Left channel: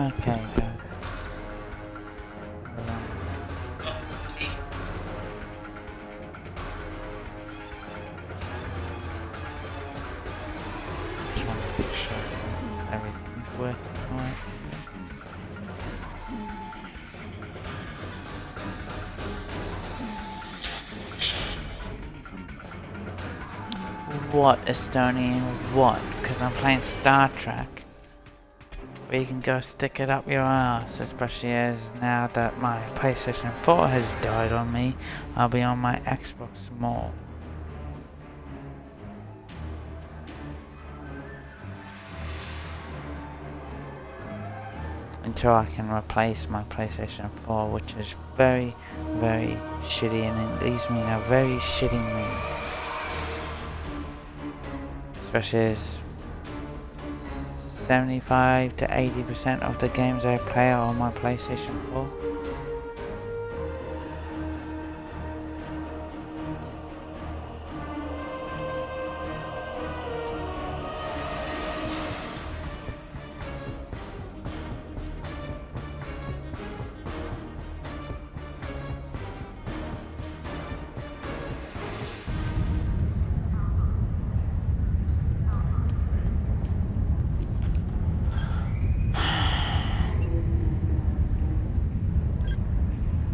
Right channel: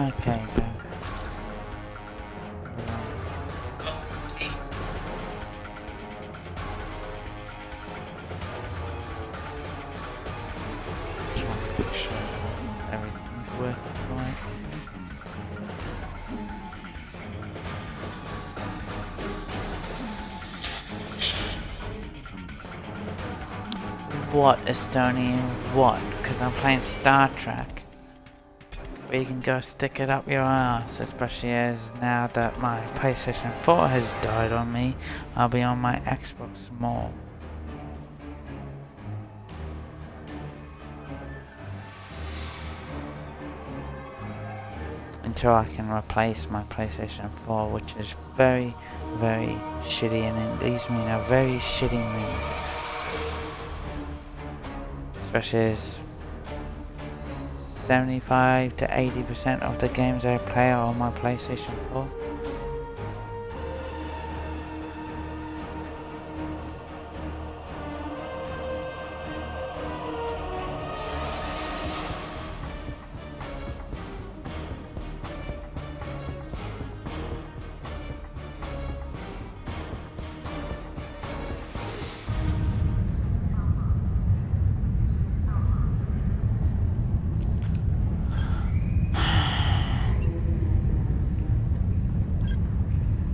Okay, go. Just want to make sure that everything's working right. What, Estonian? What? Because I'm playing Star Trek. Where you can go stick it up your ass, especially as now that my PlayStation 4 has died on me, I'll be on my Xbox more. Until I can replace my PlayStation 4, which is very, very shitty, and it leaves me in a very shitty mood. Especially as 75 to 80% of the games I play are on my PlayStation 4.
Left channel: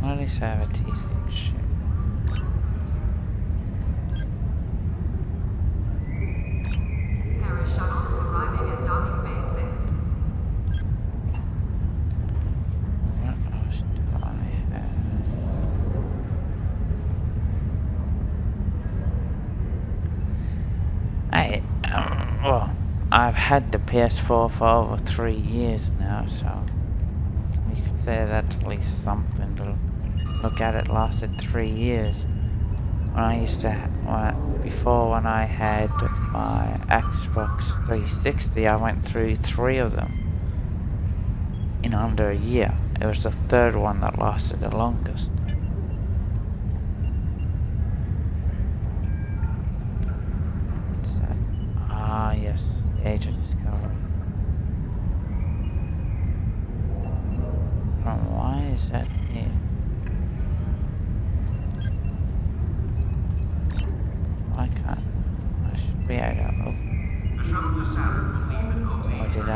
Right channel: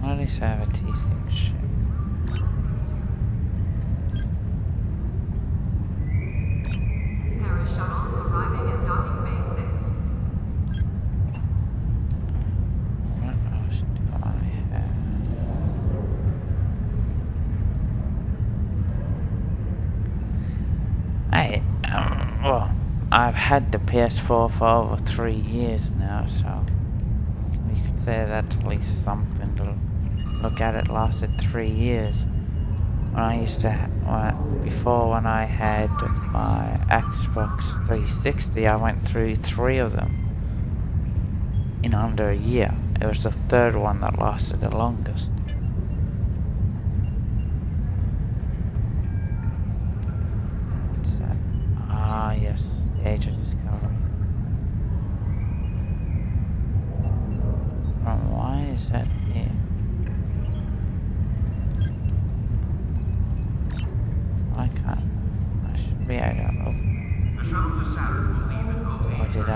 At least I have a T6 ship. Paris shuttle arriving at docking bay 6. What else do I have? Well, I've had the PS4 for over 3 years now, so you could say that's at least something to look at. It lasted 3 years. When I used to, before when I had my Xbox 360, I went through 3 of them in under a year. It was the 3rd one that lasted the longest. What's that? Ah, yes, the Age of Discovery. Why is that here? I can't. I should be able to open. The shuttle to Saturn will leave in 08. Or did I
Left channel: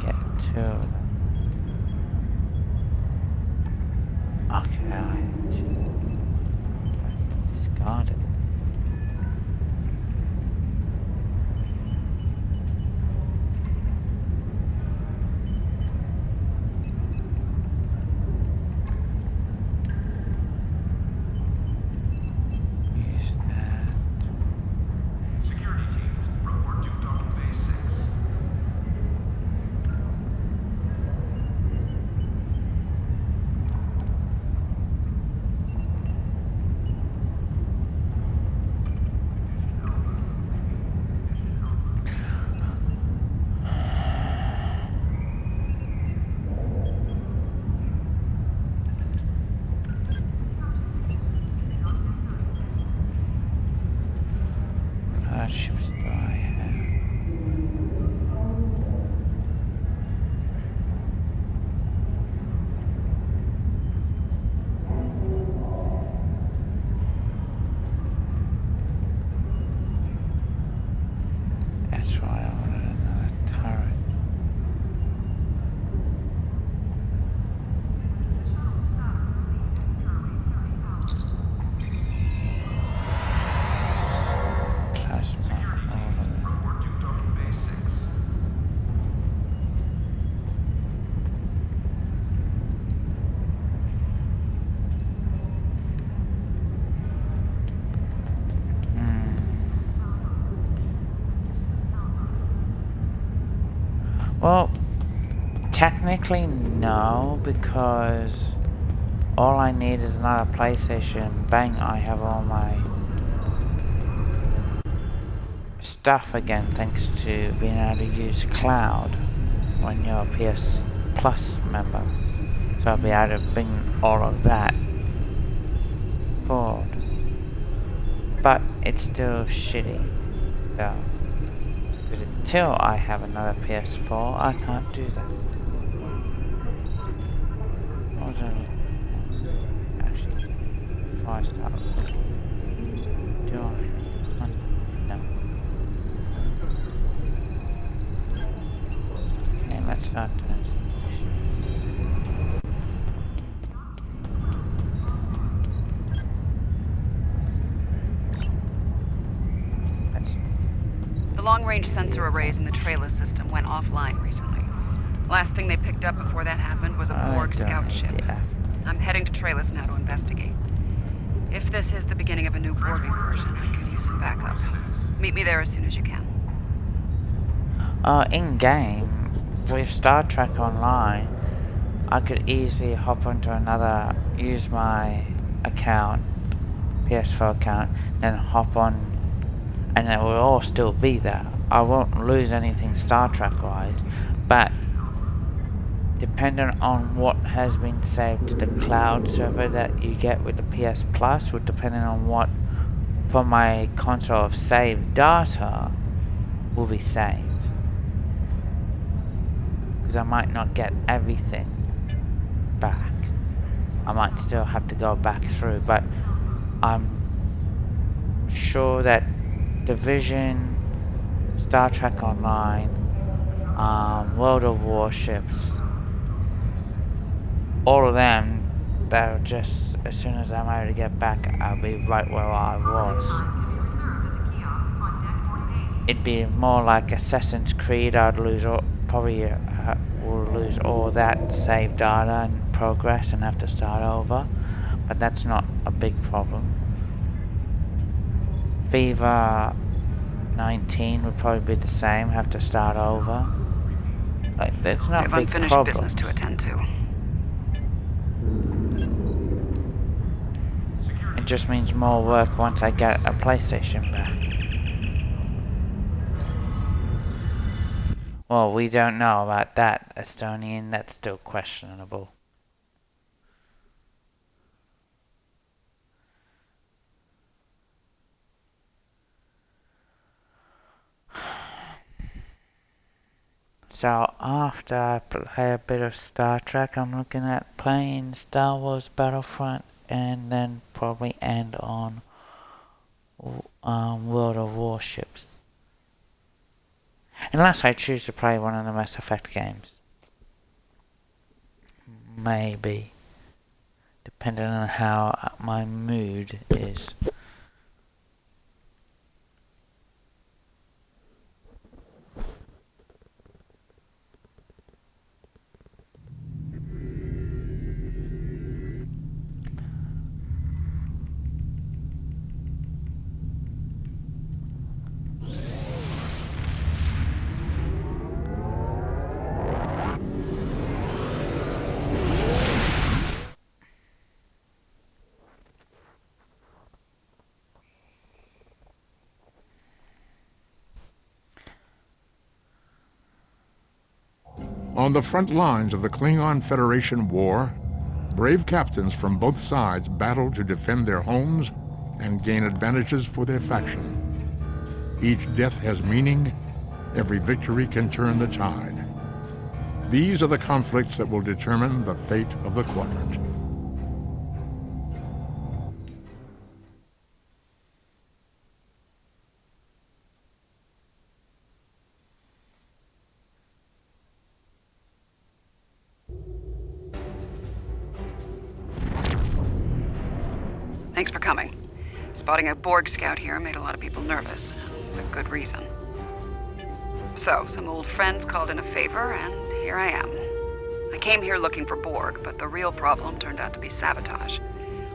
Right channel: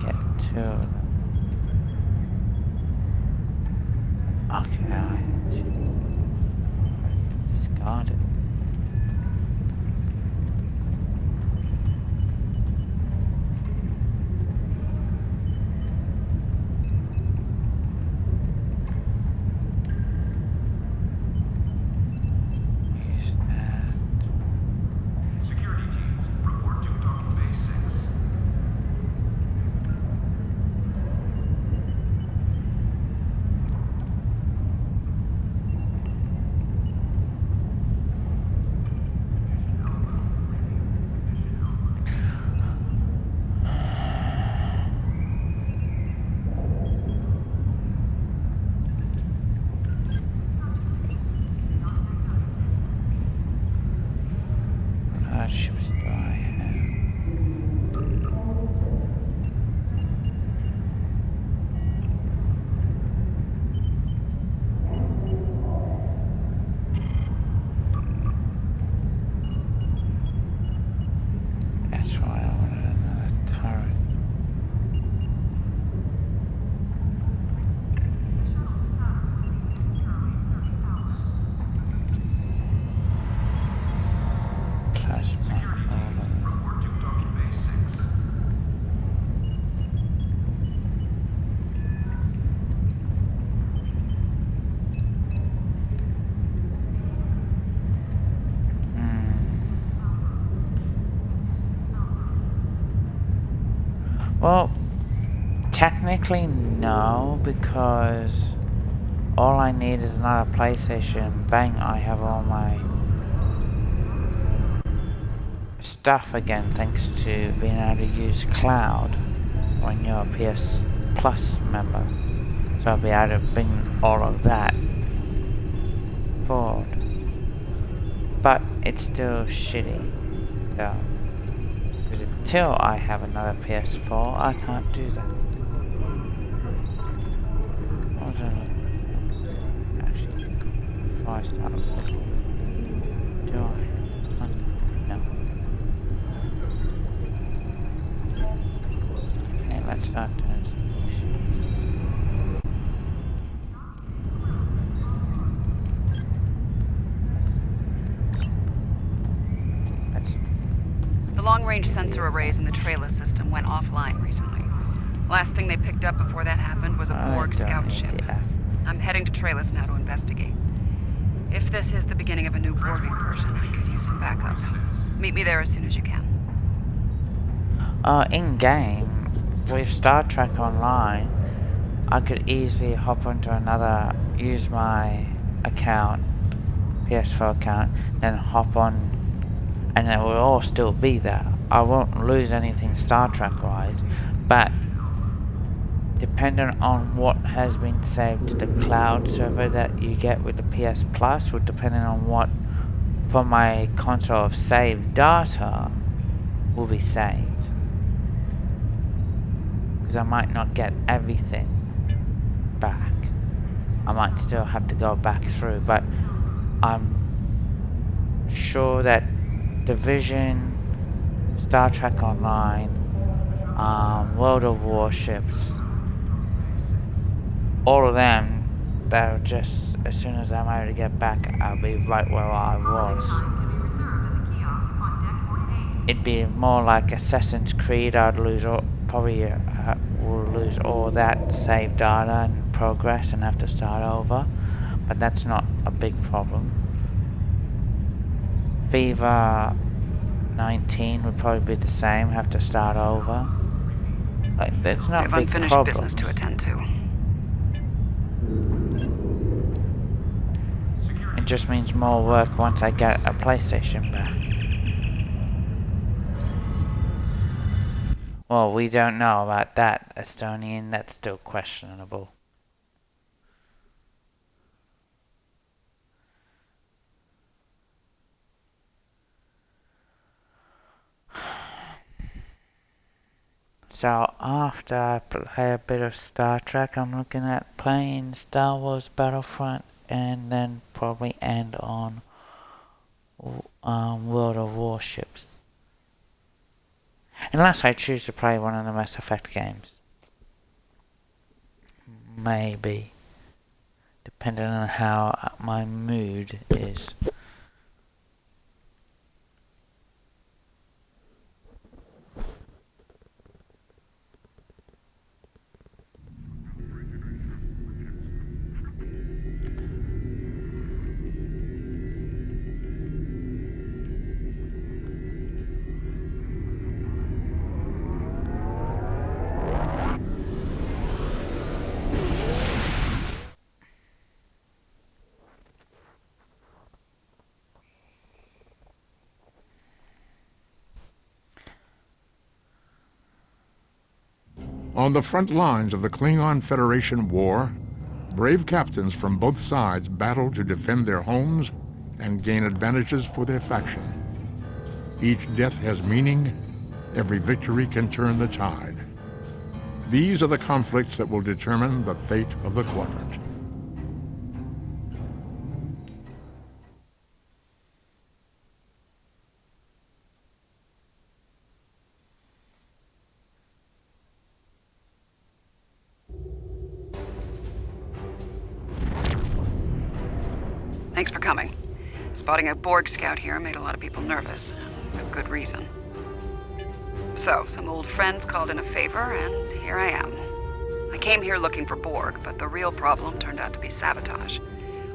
get 2 of them? Okay, I had 2. I can discard it. Use that. Security teams, report to docking bay 6. What other ships do I have? That's why I wanted another turret. The shuttle to Saturn will leave in 30 hours. Plasma. Security All of teams, them. report to docking bay 6. Well, technically no, because all I need is another PlayStation. Bang, I have all my stuff again, thanks to being able to use cloud when you're a PS Plus member. So I'll be able to bring all of that forward. But it's still shitty, though. Because until I have another PS4, I can't do that. was I looking at? Actually, before I start looking, do I? No. Okay, let's start doing some missions. Let's. The long-range sensor arrays in the trailer system went offline recently. Last thing they picked up before that happened was a Borg scout ship. I'm heading to Trailus now to investigate. If this is the beginning of a new Borg incursion, I could use some backup. Meet me there as soon as you can. In-game, with Star Trek Online, I could easily hop onto another, use my account, PS4 account, then hop on, and it will all still be there. I won't lose anything Star Trek wise, but depending on what has been saved to the cloud server that you get with the PS Plus, or depending on what from my console of saved data will be saved. Because I might not get everything back. I might still have to go back through, but I'm sure that Division, Star Trek Online, World of Warships, all of them, they're just, as soon as I'm able to get back, I'll be right where I was. It'd be more like Assassin's Creed. I'd lose all, probably will lose all that saved data and progress and have to start over, but that's not a big problem. FIFA 19 would probably be the same, have to start over. Like, that's not I have big unfinished problems. business to attend to. It just means more work once I get a PlayStation back. Well, we don't know about that, Estonian. That's still questionable. So after I play a bit of Star Trek, I'm looking at playing Star Wars Battlefront and then probably end on World of Warships. Unless I choose to play one of the Mass Effect games. Maybe. Depending on how my mood is. On the front lines of the Klingon Federation war, brave captains from both sides battle to defend their homes and gain advantages for their faction. Each death has meaning. Every victory can turn the tide. These are the conflicts that will determine the fate of the quadrant. Thanks for coming. Spotting a Borg scout here made a lot of people nervous, with good reason. So, some old friends called in a favor, and here I am. I came here looking for Borg, but the real problem turned out to be sabotage.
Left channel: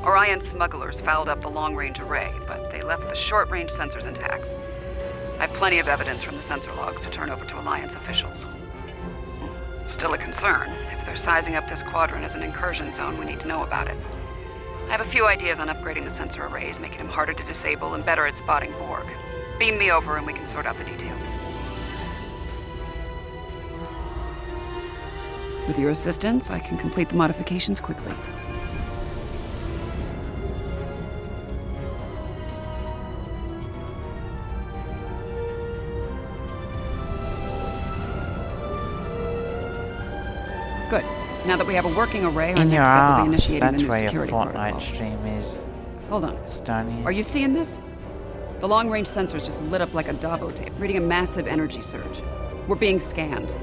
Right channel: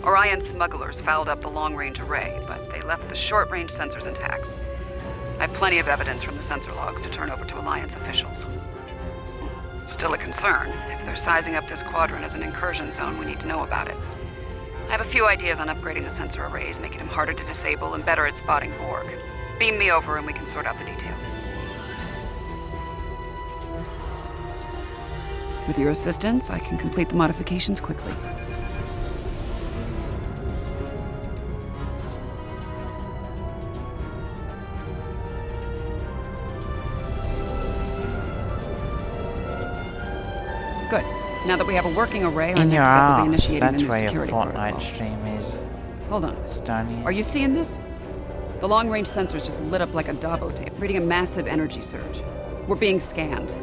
Orion smugglers fouled up the long-range array, but they left the short-range sensors intact. I have plenty of evidence from the sensor logs to turn over to Alliance officials. Still a concern. If they're sizing up this quadrant as an incursion zone, we need to know about it. I have a few ideas on upgrading the sensor arrays, making them harder to disable and better at spotting Borg. Beam me over and we can sort out the details. With your assistance, I can complete the modifications quickly. Good. Now that we have a working array, our In your next step will be arse. initiating the That's new where your security Fortnite protocols. stream is. Hold on. Stunning. Are you seeing this? The long-range sensors just lit up like a Dabo tape, reading a massive energy surge. We're being scanned.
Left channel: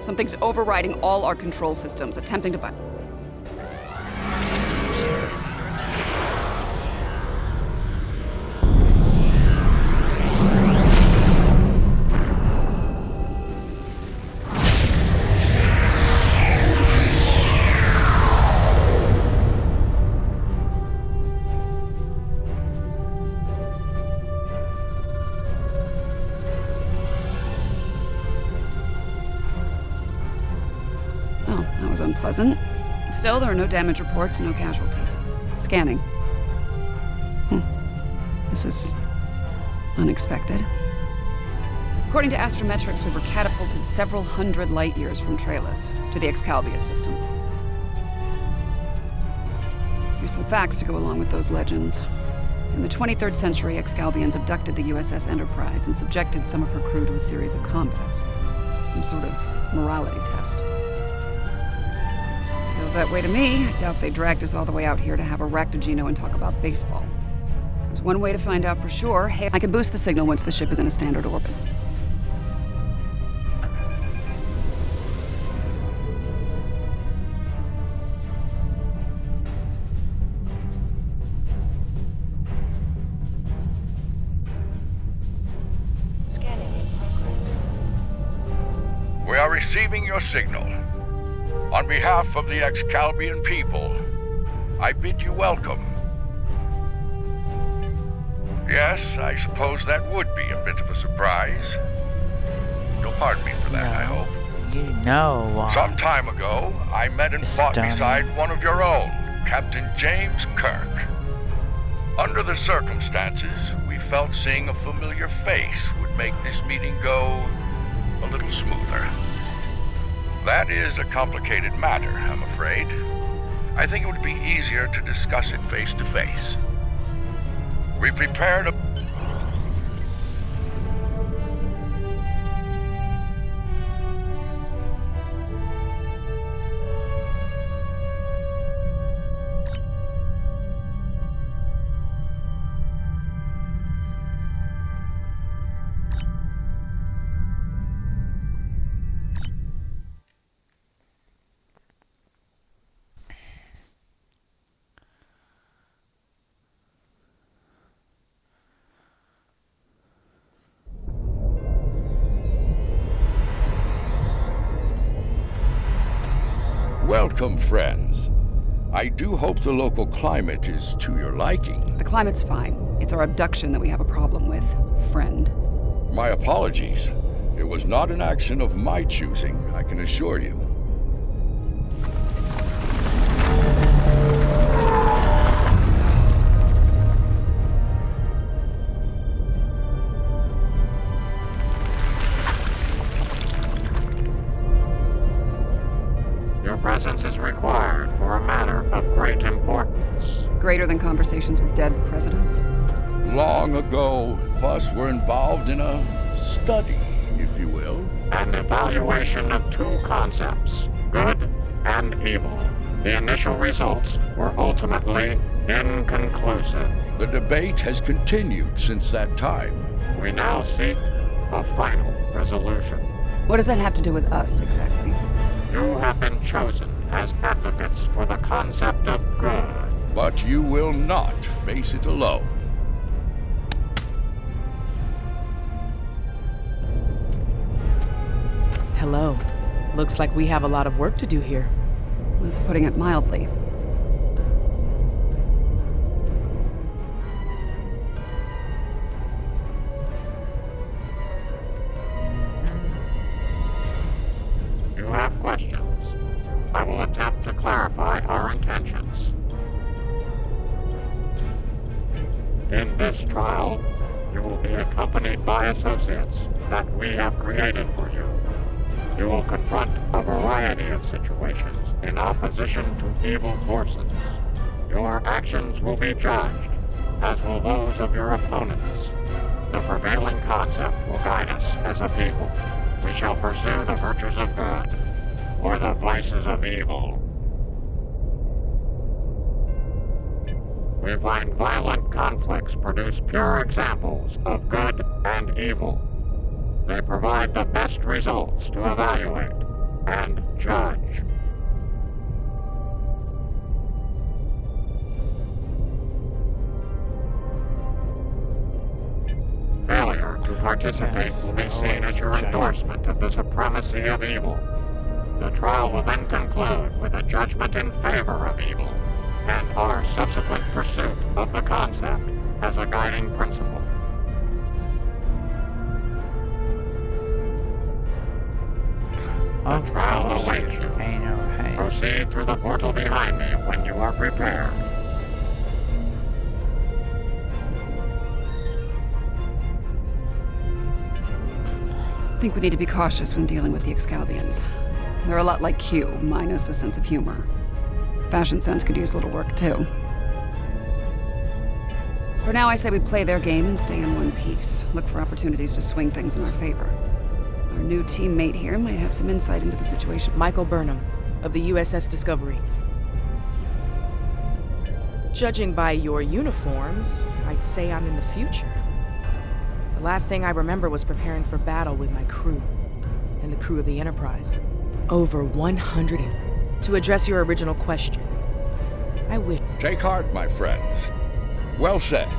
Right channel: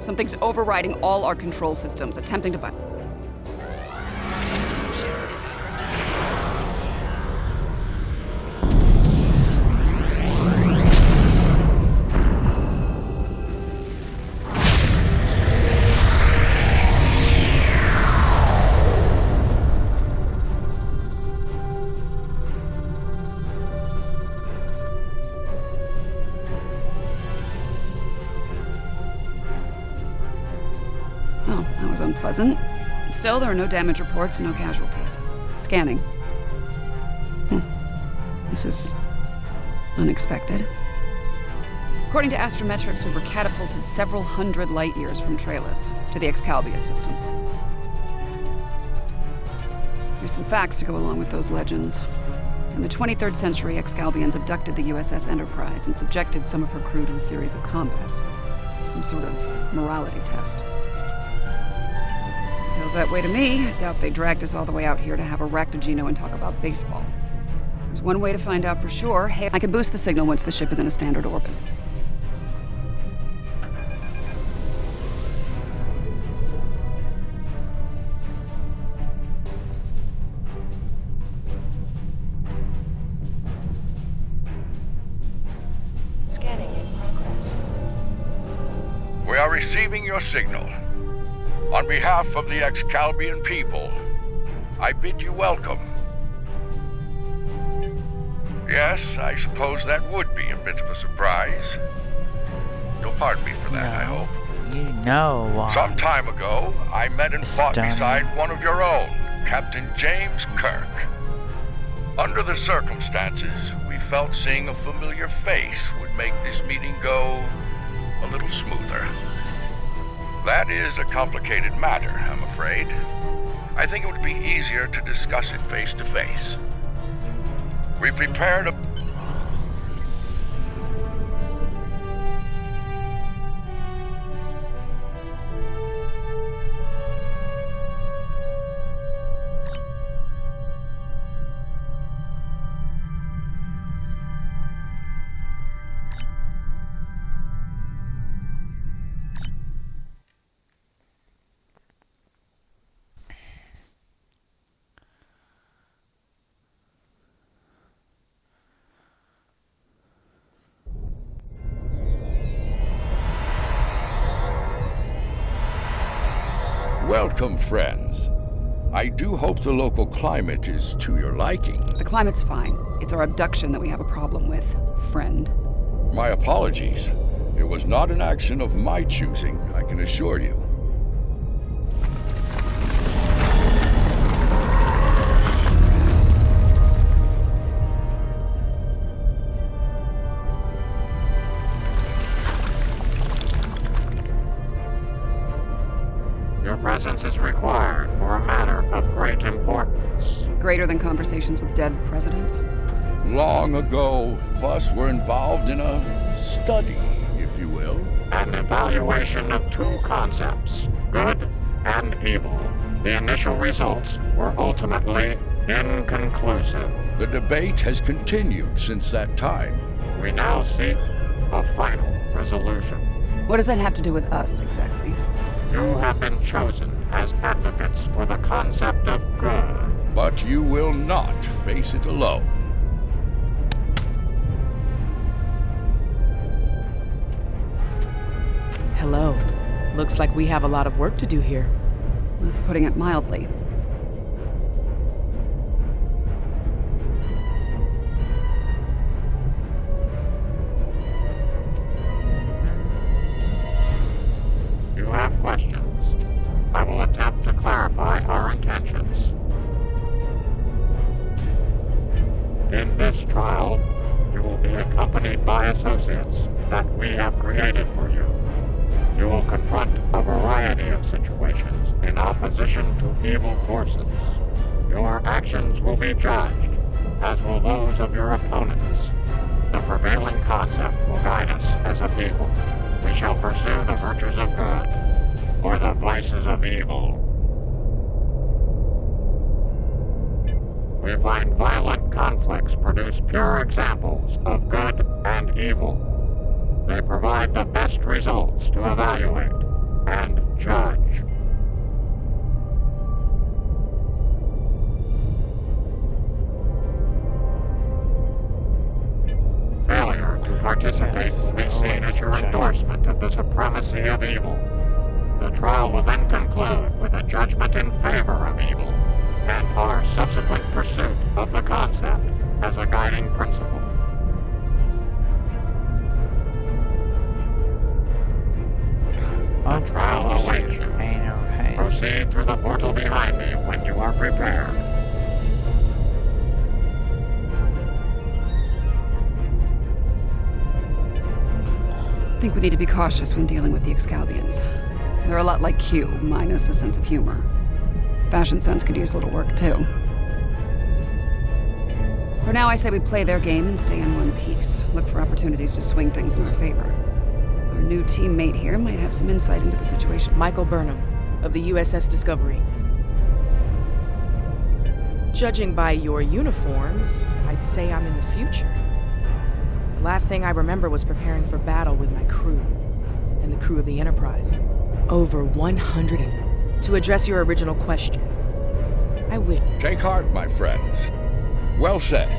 Something's overriding all our control systems, attempting to Well, that was unpleasant. Still, there are no damage reports, no casualties. Scanning. This is unexpected. According to astrometrics, we were catapulted several hundred light years from Trailus to the Excalibur system. Here's some facts to go along with those legends. In the 23rd century, Excalbians abducted the USS Enterprise and subjected some of her crew to a series of combats. Some sort of morality test. Feels that way to me. I doubt they dragged us all the way out here to have a Ractogino and talk about baseball. There's one way to find out for sure. Hey, I can boost the signal once the ship is in a standard orbit. Scanning in progress. We are receiving your signal. On behalf of the Excalbian people, I bid you welcome. Yes, I suppose that would be a bit of a surprise. You'll pardon me for that, I hope. You know why. Some time ago, I met and fought Stunning. beside one of your own, Captain James Kirk. Under the circumstances, we felt seeing a familiar face would make this meeting go a little smoother. That is a complicated matter, I'm afraid. I think it would be easier to discuss it face to face. We prepared a... Welcome, friends. I do hope the local climate is to your liking. The climate's fine. It's our abduction that we have a problem with, friend. My apologies. It was not an action of my choosing, I can assure you. Your presence is required for a matter of great importance. Greater than conversations with dead presidents? Long ago, us were involved in a study, if you will. An evaluation of two concepts, good and evil. The initial results were ultimately inconclusive. The debate has continued since that time. We now seek a final resolution. What does that have to do with us, exactly? You have been chosen as advocates for the concept of good. But you will not face it alone. Hello. Looks like we have a lot of work to do here. That's putting it mildly. You have questions. I will attempt to clarify our intentions. In this trial, you will be accompanied by associates that we have created for you. You will confront a variety of situations in opposition to evil forces. Your actions will be judged, as will those of your opponents. The prevailing concept will guide us as a people. We shall pursue the virtues of good. or the vices of evil. We find violent conflicts produce pure examples of good and evil. They provide the best results to evaluate and judge. Failure to participate will be seen as your endorsement of the supremacy of evil. The trial will then conclude with a judgment in favor of evil, and our subsequent pursuit of the concept as a guiding principle. The trial awaits you. Proceed through the portal behind me when you are prepared. I think we need to be cautious when dealing with the Excalbians. They're a lot like Q, minus a sense of humor. Fashion sense could use a little work, too. For now, I say we play their game and stay in one piece. Look for opportunities to swing things in our favor. Our new teammate here might have some insight into the situation. Michael Burnham, of the USS Discovery. Judging by your uniforms, I'd say I'm in the future. The last thing I remember was preparing for battle with my crew, and the crew of the Enterprise. Over 100. To address your original question, I wish... Take heart, my friends. Well said.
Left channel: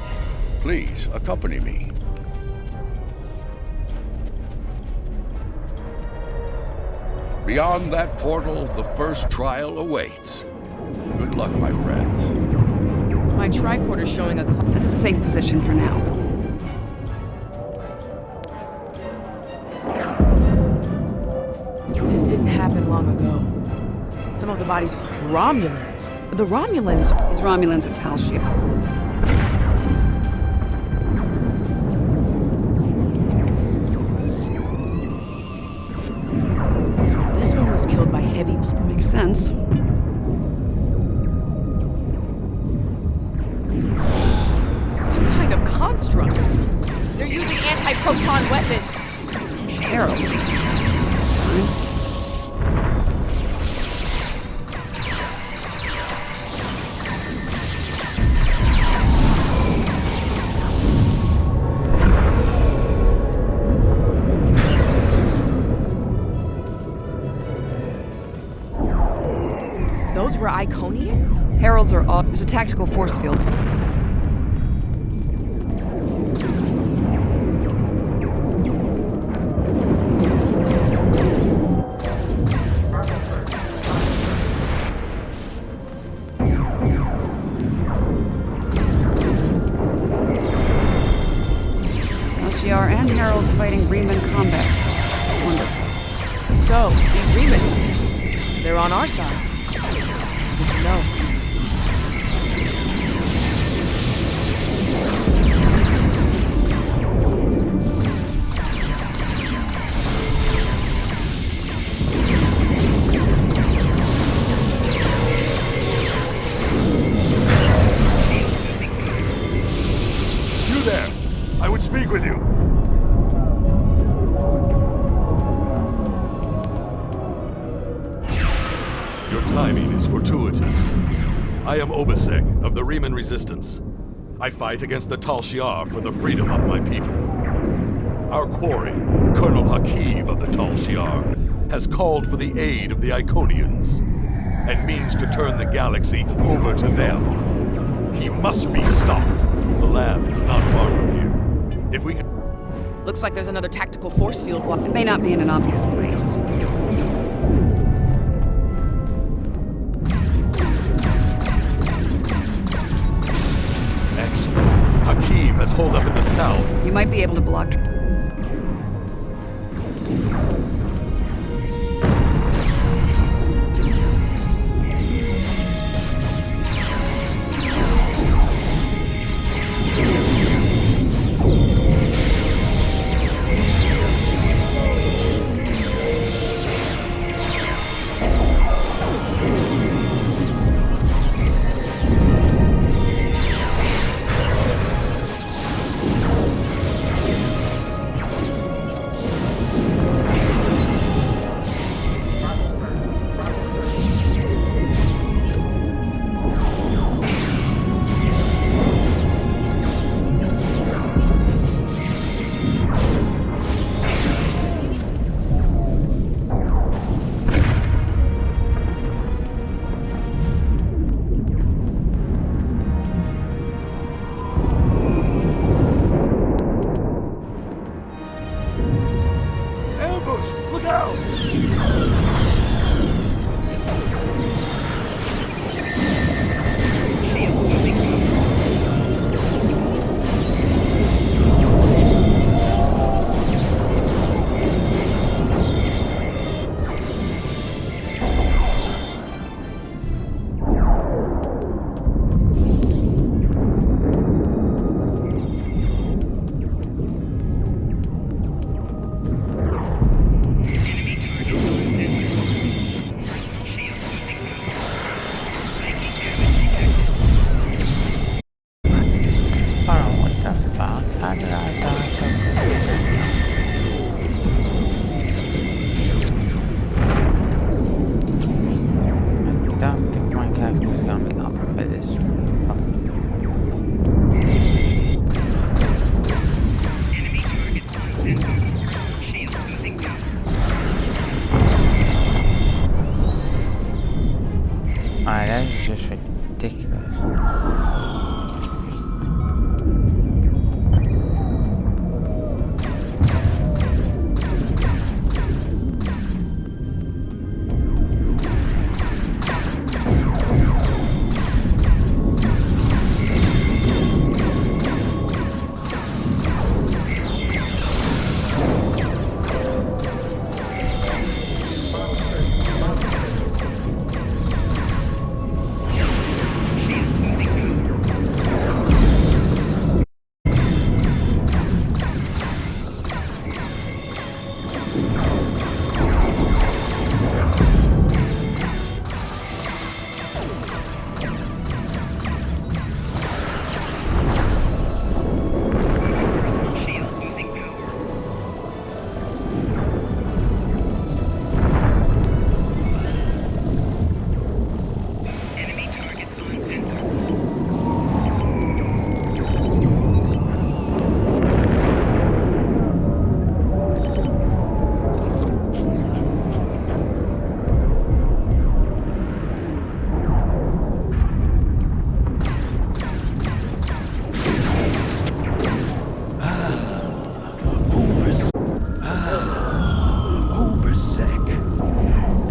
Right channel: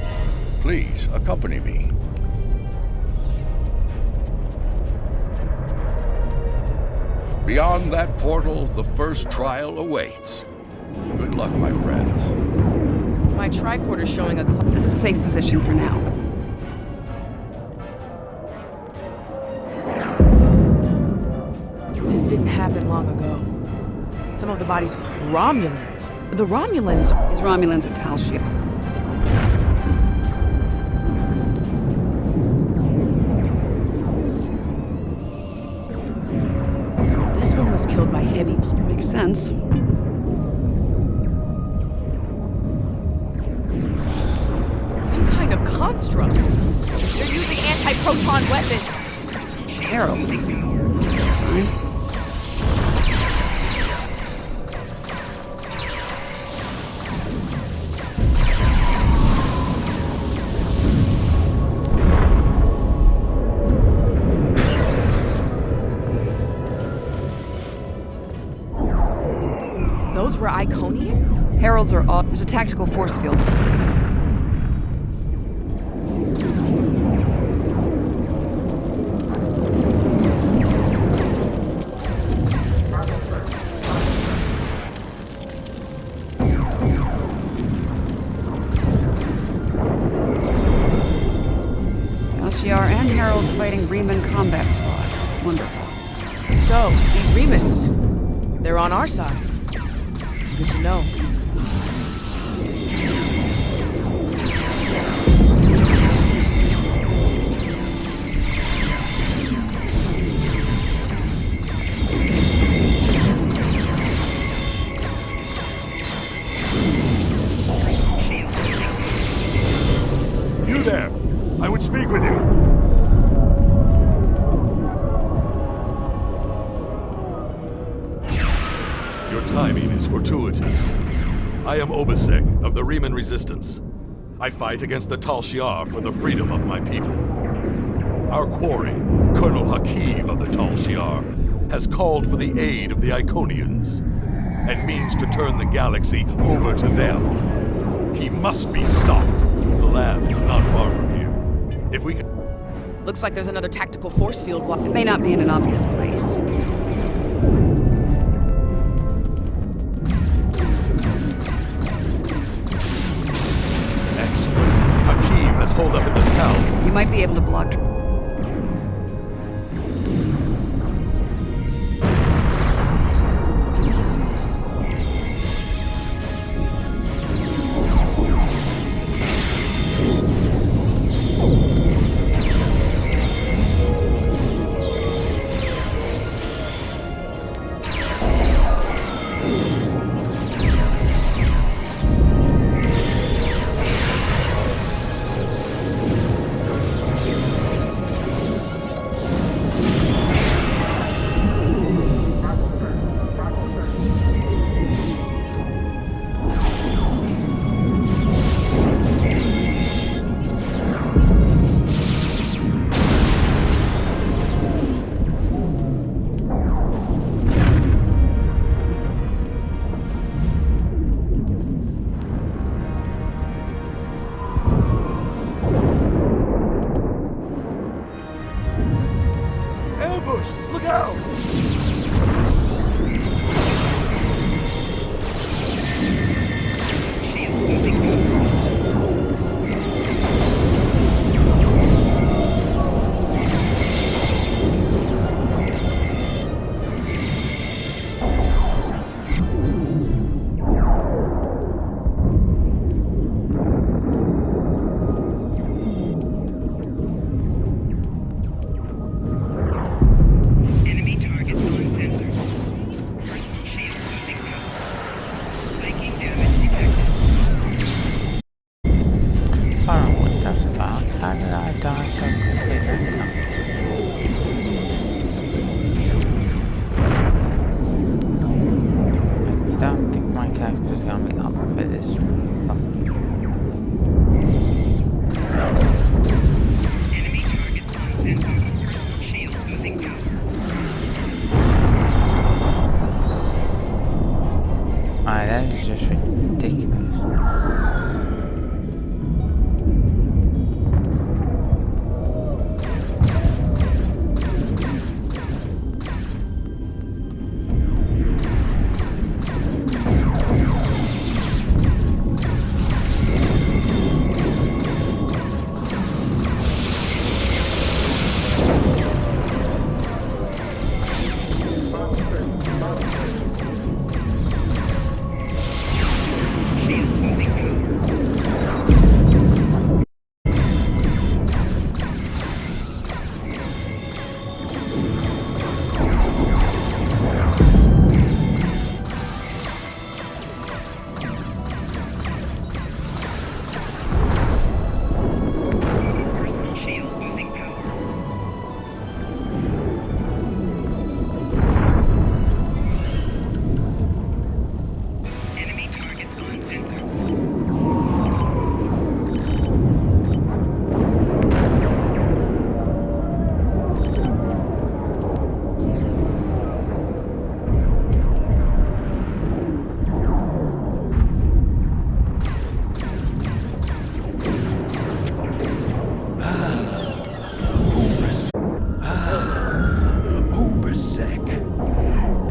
Please, accompany me. Beyond that portal, the first trial awaits. Good luck, my friends. My tricorder's showing a... This is a safe position for now. This didn't happen long ago. Some of the bodies... Romulans. The Romulans... These Romulans are Tal Shiar. This one was killed by heavy... Makes sense. Some kind of constructs. They're using anti-proton weapons. Heralds. That's fine. Those were Iconians? Heralds are all... There's a tactical force field. Tal and Heralds fighting Riemann combat squads. Wonderful. So, these Riemans, they're on our side. Good to know. You there! I would speak with you! Your timing is fortuitous. I am Obasek of the Riemann Resistance. I fight against the Tal Shiar for the freedom of my people. Our quarry, Colonel Hakiv of the Tal Shiar, has called for the aid of the Iconians, and means to turn the galaxy over to them. He must be stopped. The lab is not far from here. If we can... Looks like there's another tactical force field block. It may not be in an obvious place. Excellent. Hakiv has holed up in the south. You might be able to block... Alright, that is just ridiculous.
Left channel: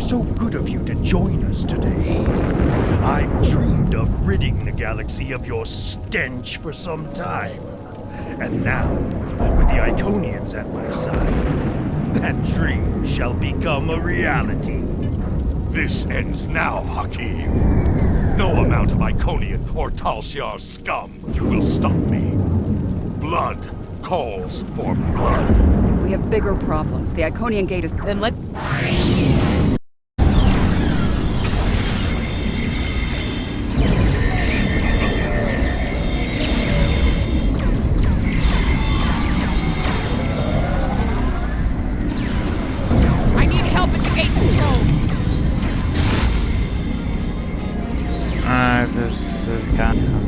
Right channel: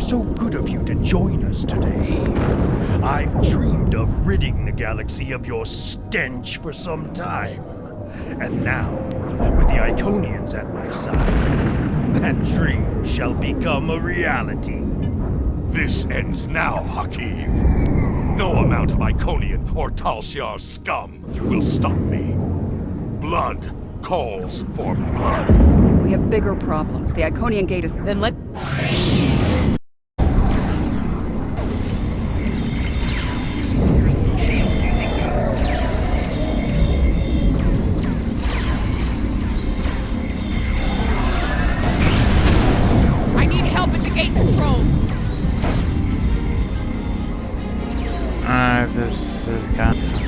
So good of you to join us today. I've dreamed of ridding the galaxy of your stench for some time. And now, with the Iconians at my side, that dream shall become a reality. This ends now, Hakiv. No amount of Iconian or Tal Shiar scum will stop me. Blood calls for blood. We have bigger problems. The Iconian gate is... Then let... I need help at the gate control! This is kind of...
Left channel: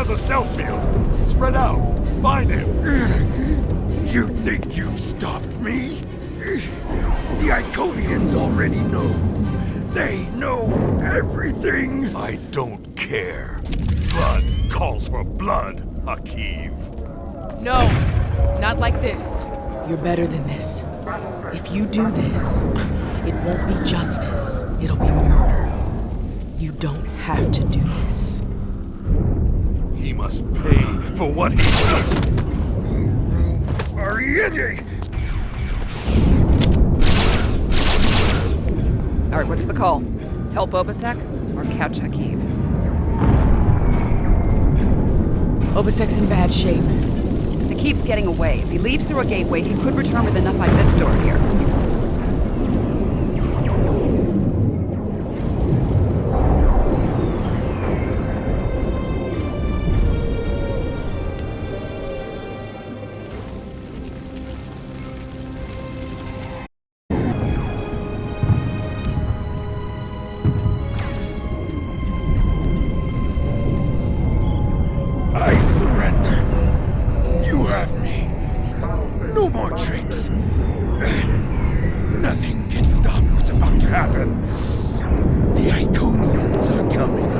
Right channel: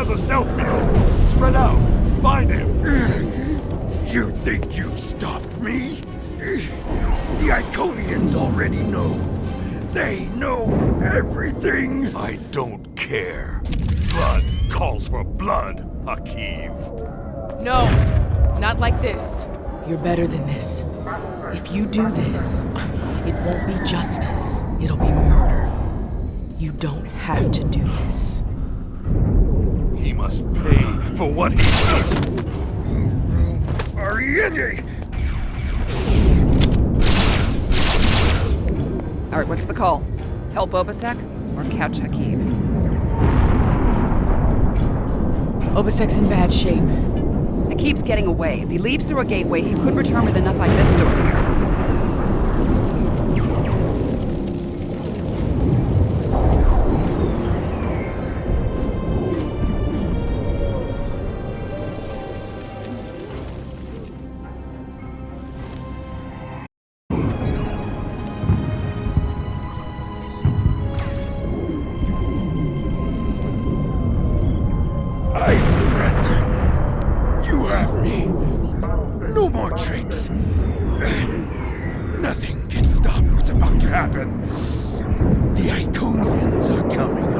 A stealth field. Spread out. Find him. You think you've stopped me? The Iconians already know. They know everything. I don't care. Blood calls for blood, Hakiv. No, not like this. You're better than this. If you do this, it won't be justice. It'll be murder. You don't have to do this. He must pay for what he's done. All right, what's the call? Help Obasek or catch Hakiv? Obasek's in bad shape. Hakiv's getting away. If he leaves through a gateway, he could return with enough Ivestor here. I surrender. You have me. No more tricks. Nothing can stop what's about to happen. The Iconians are coming.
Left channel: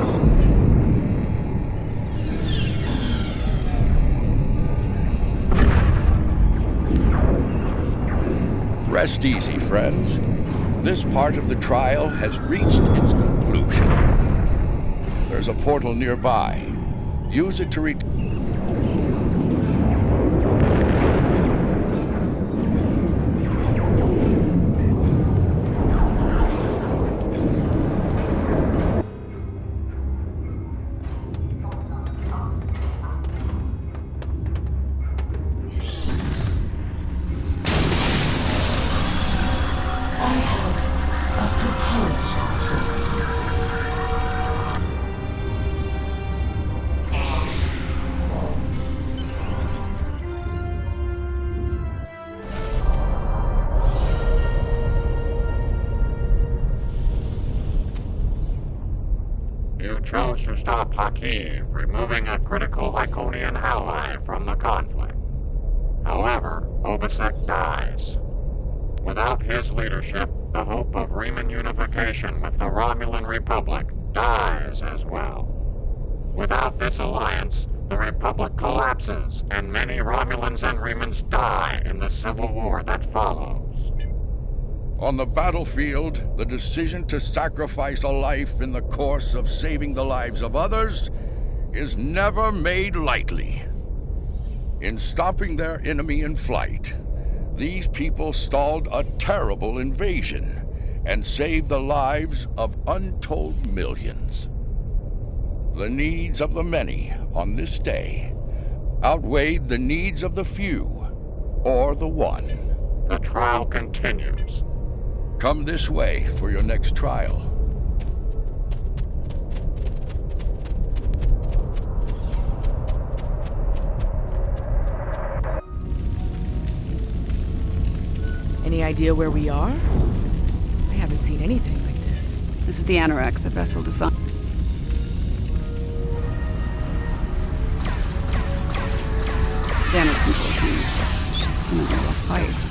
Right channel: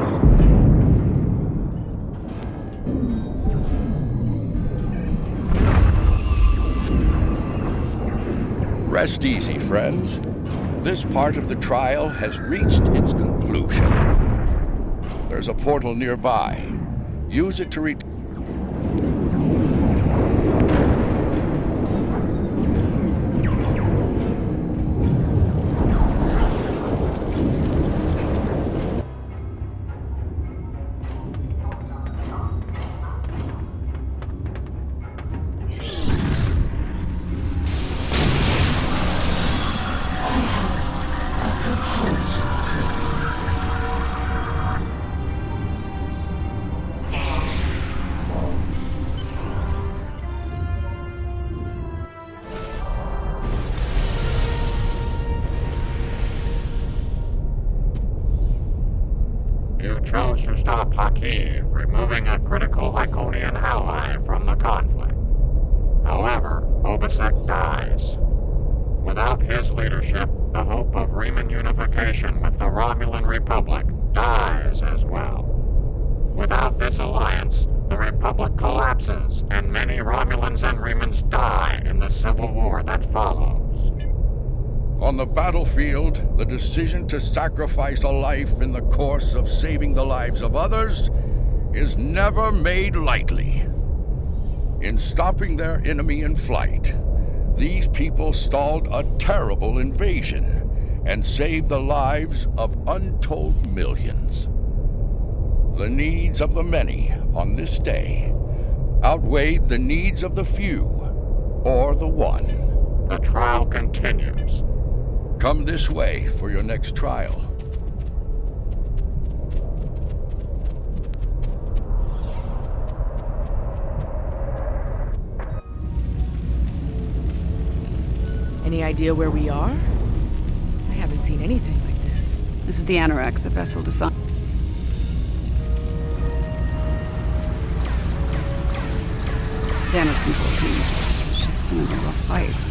Rest easy, friends. This part of the trial has reached its conclusion. There's a portal nearby. Use it to chose to stop Haki, removing a critical Iconian ally from the conflict. However, Obasek dies. Without his leadership, the hope of Riemann unification with the Romulan Republic dies as well. Without this alliance, the Republic collapses, and many Romulans and Riemanns die in the civil war that follows. On the battlefield, the decision to sacrifice a life in the course of saving the lives of others is never made lightly. In stopping their enemy in flight, these people stalled a terrible invasion and saved the lives of untold millions. The needs of the many on this day outweighed the needs of the few, or the one. The trial continues. Come this way for your next trial. Any idea where we are? I haven't seen anything like this. This is the Anorex, a vessel designed. Damage control teams. Ship's gonna be a rough fight.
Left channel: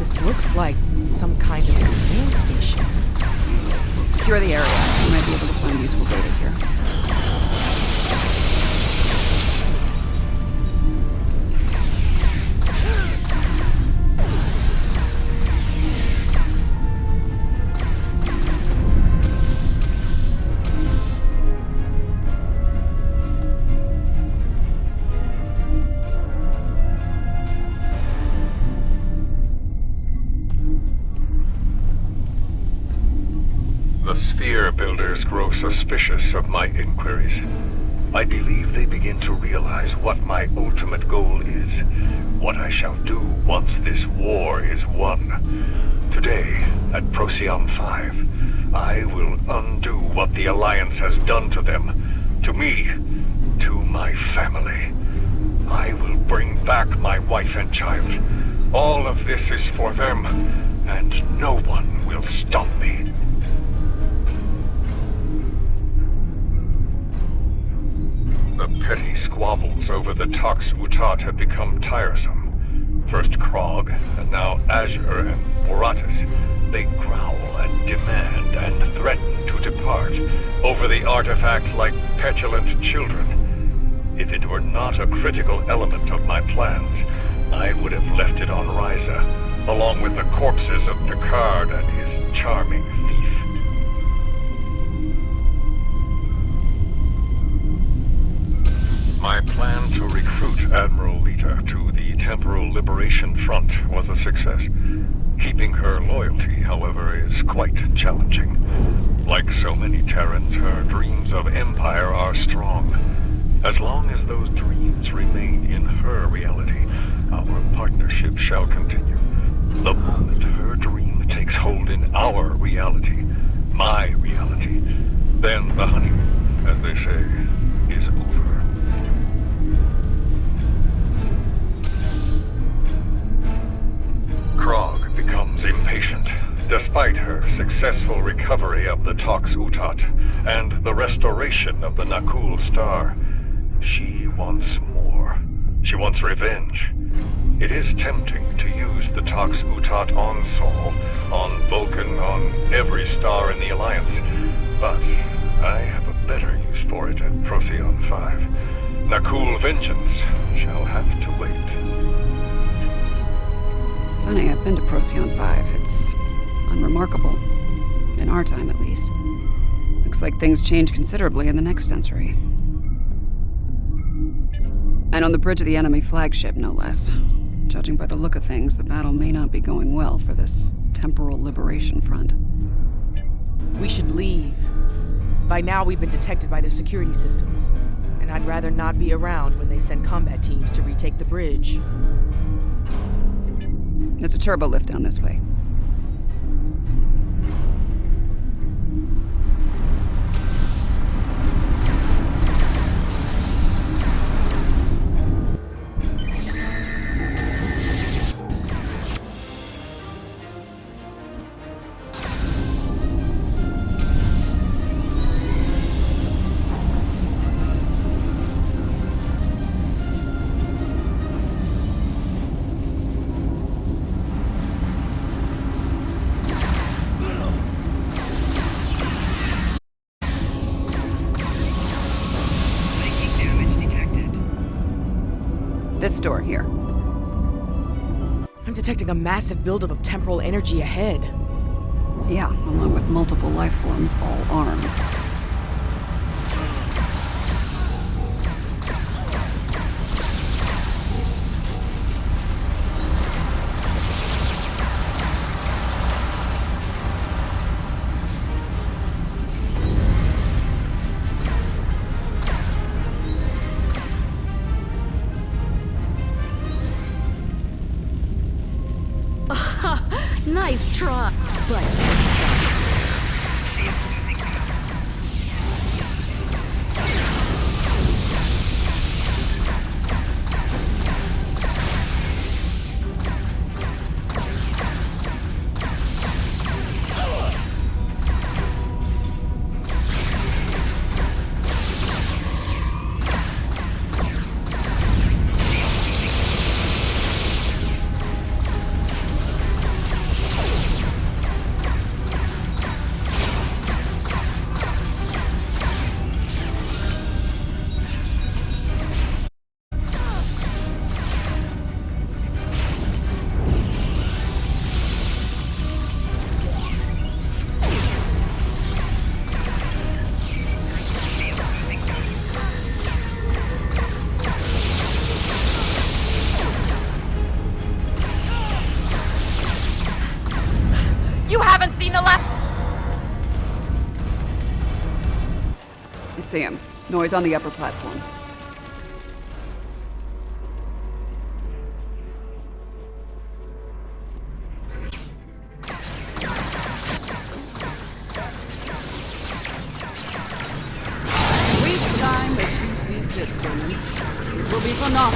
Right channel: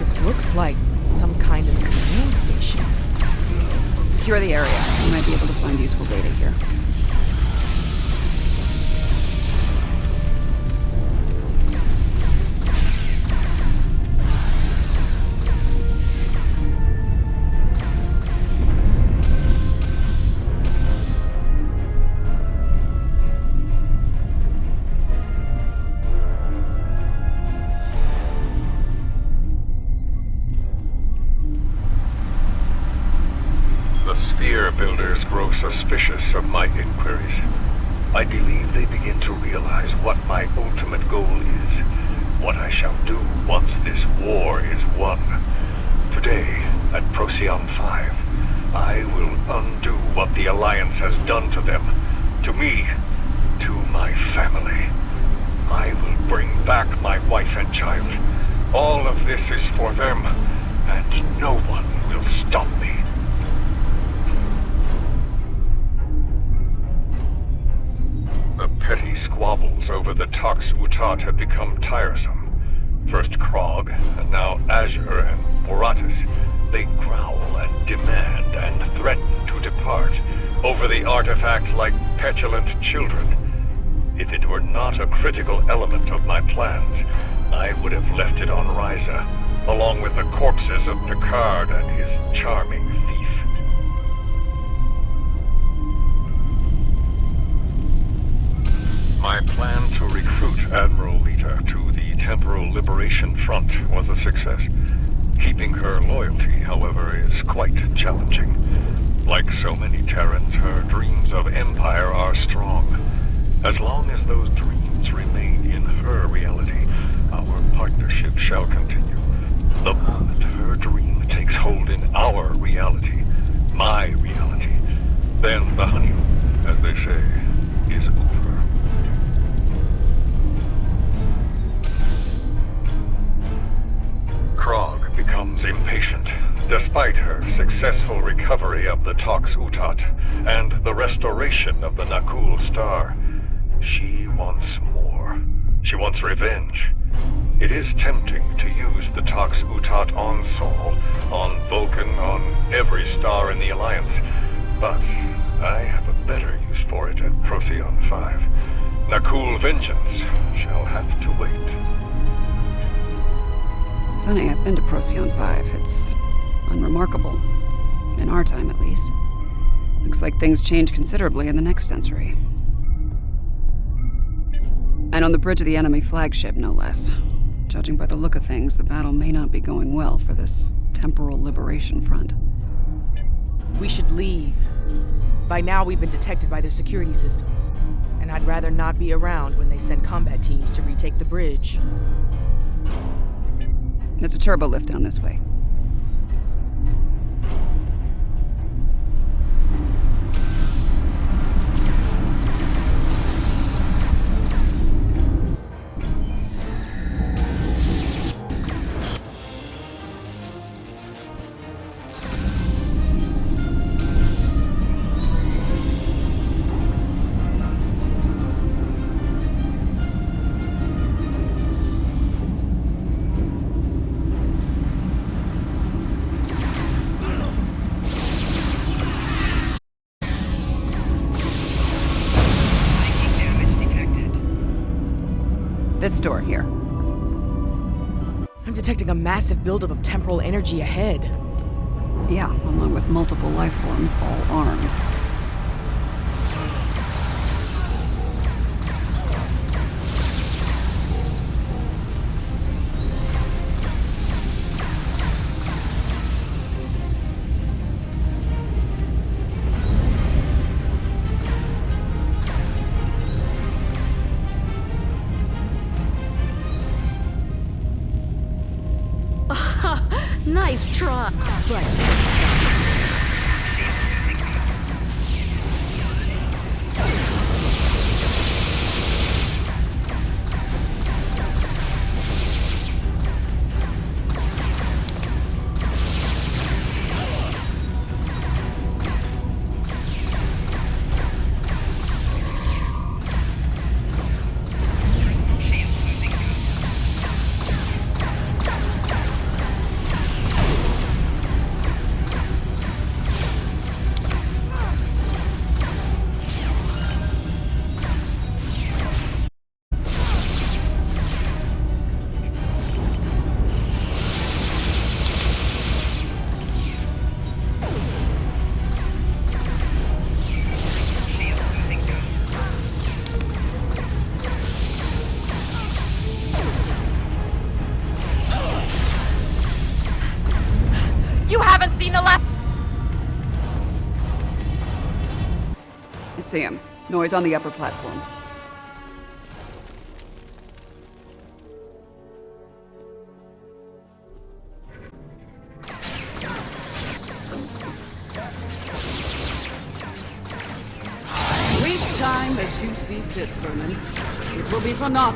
This looks like some kind of command station. Secure the area. You might be able to find useful data here. The sphere builders grow suspicious of my inquiries. I believe they begin to realize what my ultimate goal is, what I shall do once this war is won. Today, at Procyon 5, I will undo what the Alliance has done to them, to me, to my family. I will bring back my wife and child. All of this is for them, and no one will stop me. The petty squabbles over the Tox Utat have become tiresome. First Krog, and now Azure and Boratus. They growl and demand and threaten to depart over the artifact like petulant children. If it were not a critical element of my plans, I would have left it on Ryza, along with the corpses of Picard and his charming thief. My plan to recruit Admiral Lita to the Temporal Liberation Front was a success. Keeping her loyalty, however, is quite challenging. Like so many Terrans, her dreams of empire are strong. As long as those dreams remain in her reality, our partnership shall continue. The moment her dream takes hold in our reality, my reality, then the honeymoon, as they say, is over. Krog becomes impatient, despite her successful recovery of the Tox Utat and the restoration of the Nakul Star. She wants more. She wants revenge. It is tempting to use the Tox Utat on Sol, on Vulcan, on every star in the Alliance, but I have a better use for it at Procyon 5. Nakul vengeance shall have to wait. Funny, I've been to Procyon 5. It's unremarkable. In our time, at least. Looks like things change considerably in the next century. And on the bridge of the enemy flagship, no less. Judging by the look of things, the battle may not be going well for this Temporal Liberation Front. We should leave. By now, we've been detected by their security systems. And I'd rather not be around when they send combat teams to retake the bridge. There's a turbo lift down this way. This door here. I'm detecting a massive buildup of temporal energy ahead. Yeah, along with multiple life forms, all armed. Nice try, but You haven't seen the left. I see him. Noise on the upper platform. Waste time as you see fit, Vernon. It will be for naught.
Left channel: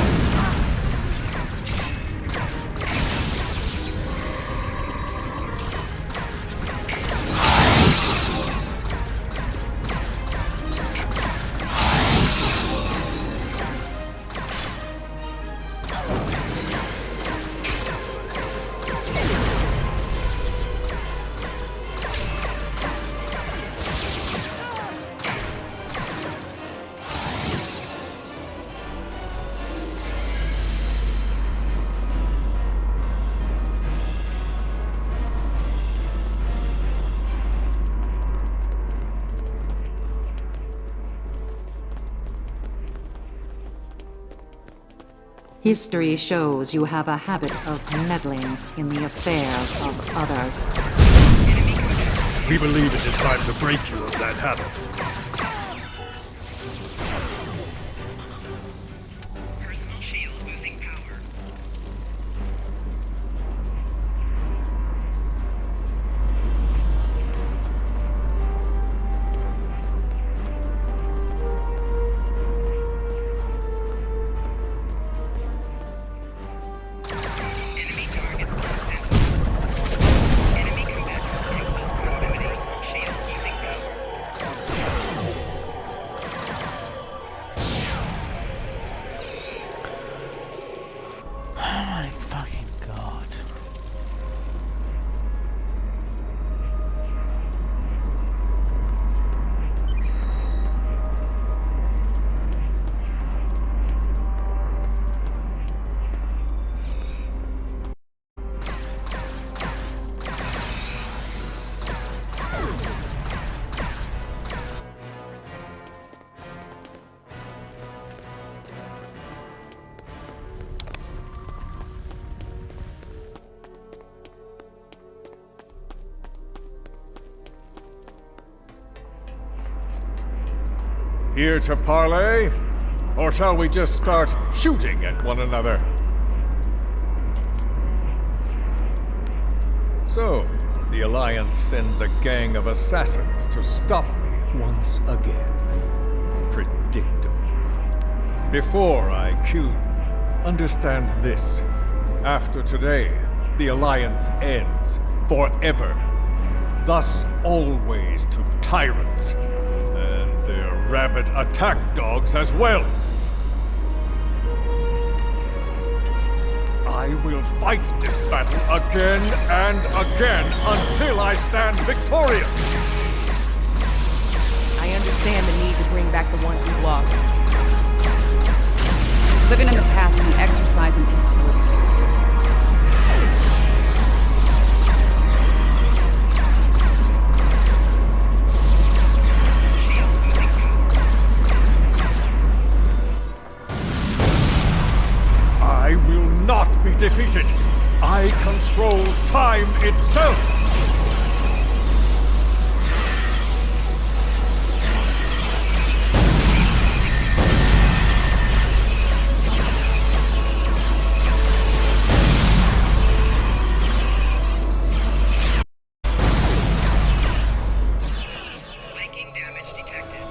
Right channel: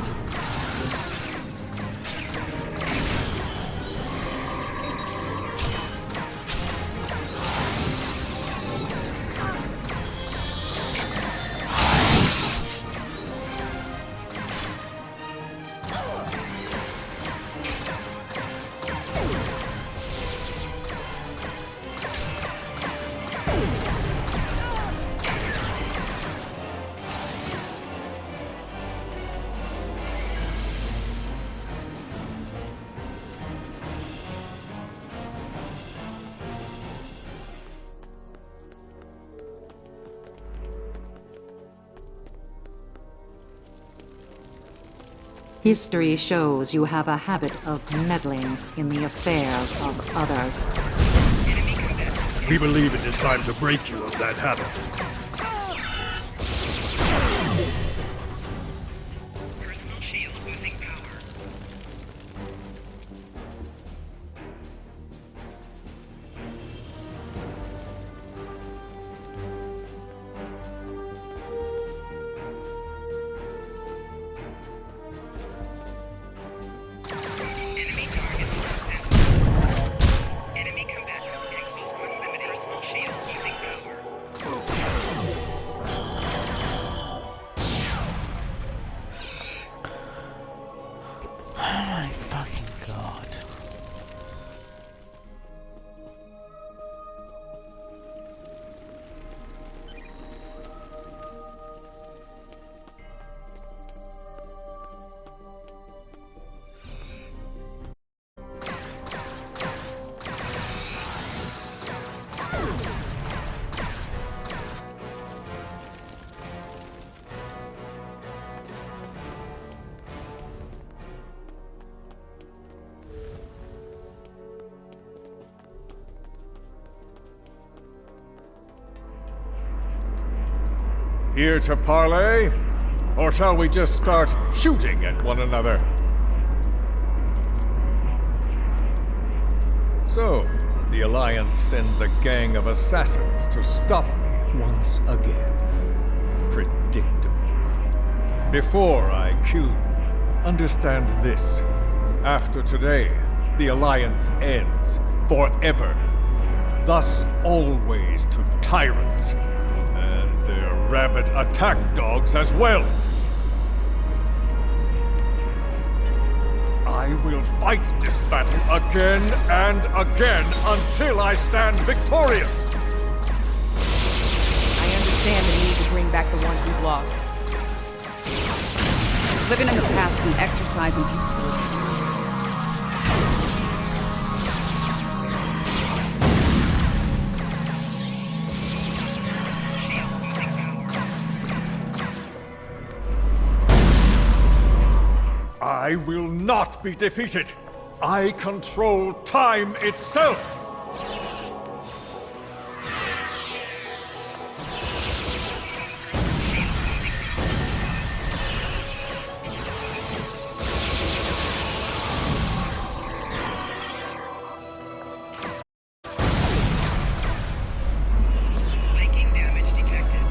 History shows you have a habit of meddling in the affairs of others. We believe it is time to break you of that habit. Personal shield losing power. Enemy target detected. Enemy combatant in close proximity. Personal shield losing power. Oh my fucking god. Here to parley? Or shall we just start shooting at one another? So, the Alliance sends a gang of assassins to stop me once again. Predictable. Before I kill you, understand this. After today, the Alliance ends forever. Thus always to tyrants. And their rabid attack dogs as well. I will fight this battle again and again until I stand victorious. I understand the need to bring back the ones we've lost. Living in the past is an exercise in futility. I will not be defeated. I control time itself. Flanking damage detected.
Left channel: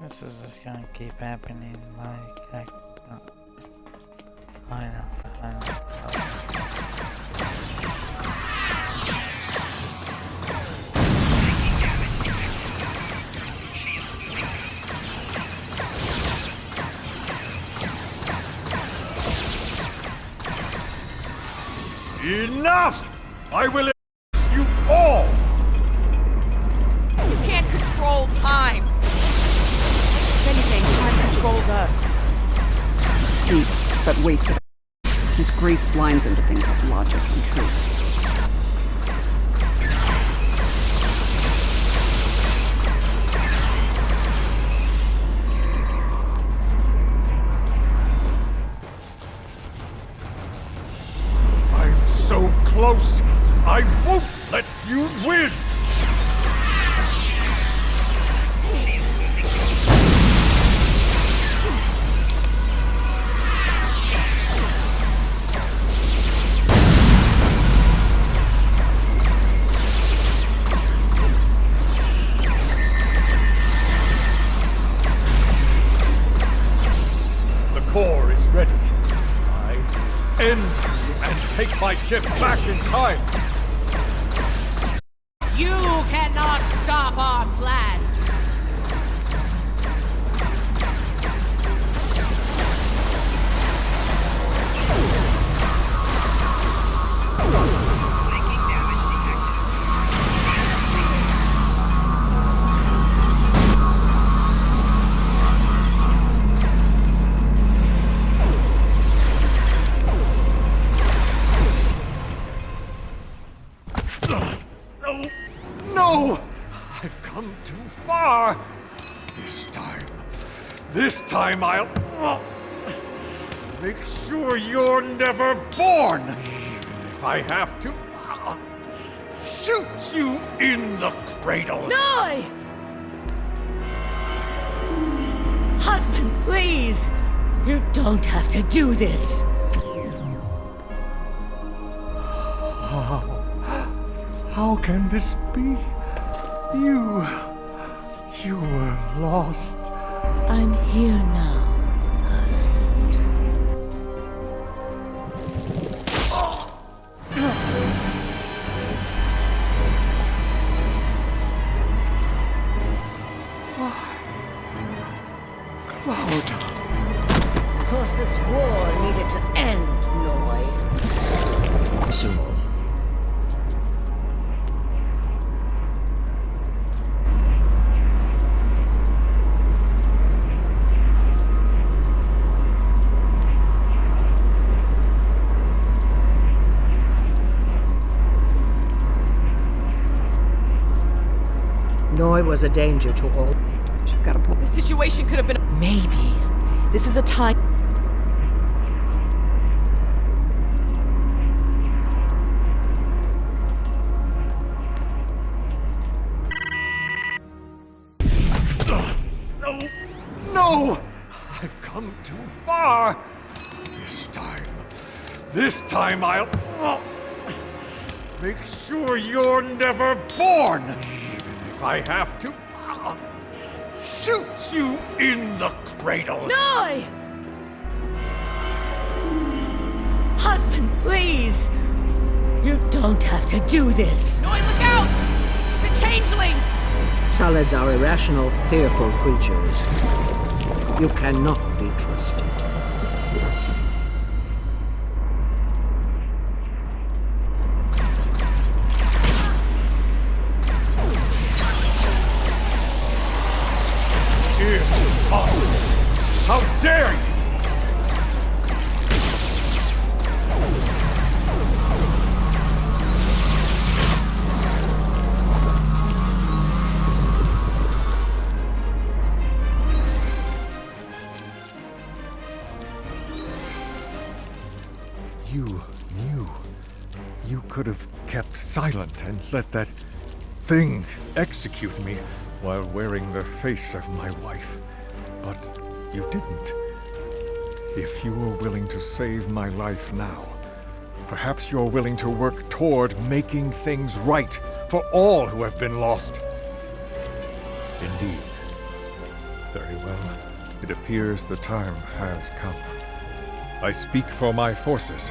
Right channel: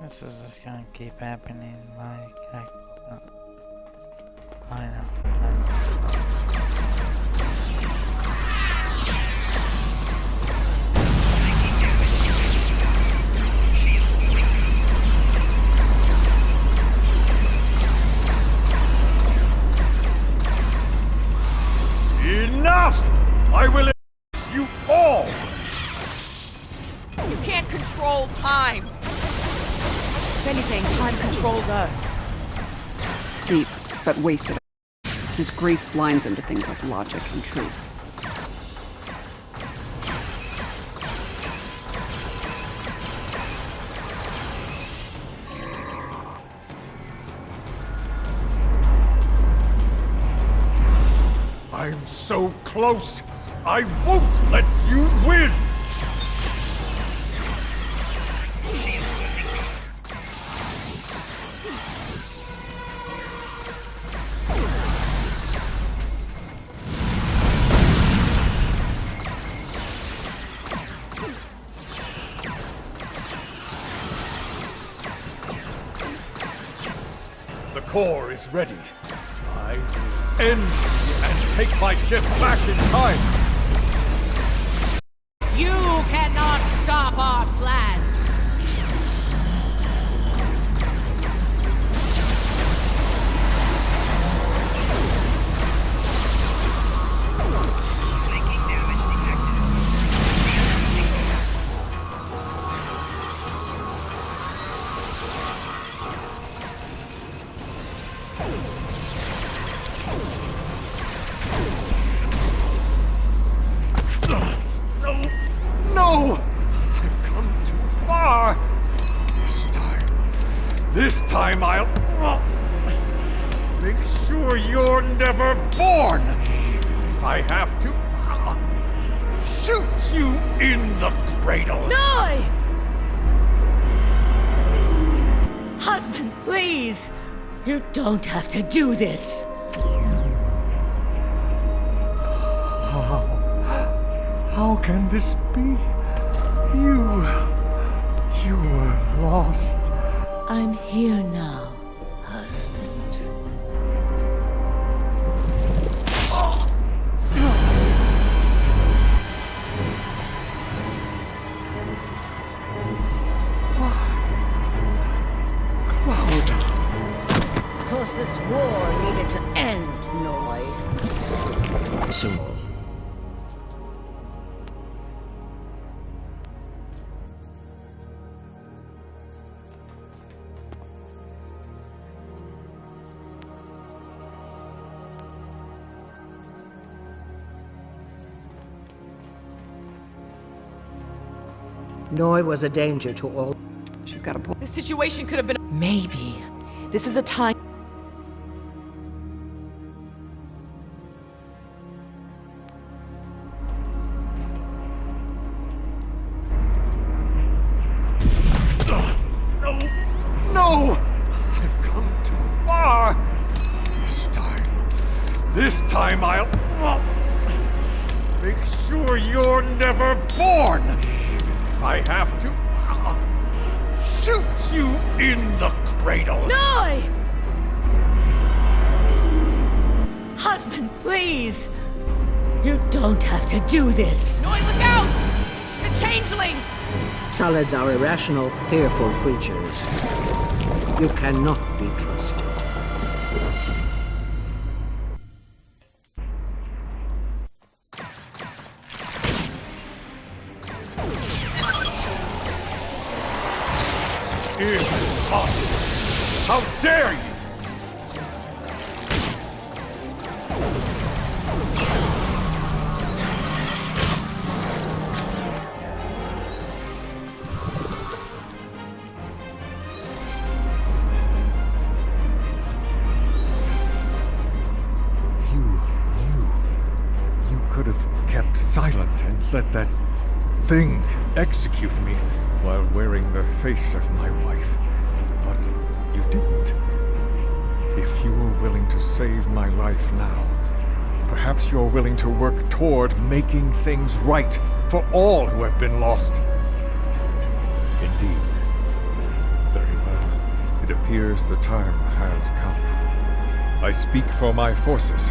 This is gonna keep happening like heck. I know. Enough! I will erase you all! You can't control time. If anything, time controls us. Deep, but wasted. His grief blinds him to things like logic and truth. I'm so close! I won't let you win! The core is ready. I will end you and take my ship back in time. You cannot stop our plans. Flanking damage detected. No! No! I've come too far! This time I'll make sure you're never born! Even if I have to shoot you in the cradle! Noi! Husband, please! You don't have to do this! How can this be? You were lost. I'm here now, husband. Cloud. Of course, this war needed to end, Noi. Soon. Noi was a danger to all. She's got a point. This situation could have been. Maybe. This is a time. No! I've come too far! This time I'll make sure you're never born! Even if I have to shoot you in the cradle! Noi! Husband, please! You don't have to do this! Noi, look out! She's a changeling! Solids are irrational, fearful creatures. You cannot be trusted. Impossible! How dare you! You knew. You could have kept silent and let that thing execute me while wearing the face of my wife. But you didn't. If you are willing to save my life now, perhaps you're willing to work toward making things right for all who have been lost. Indeed. Very well. It appears the time has come. I speak for my forces,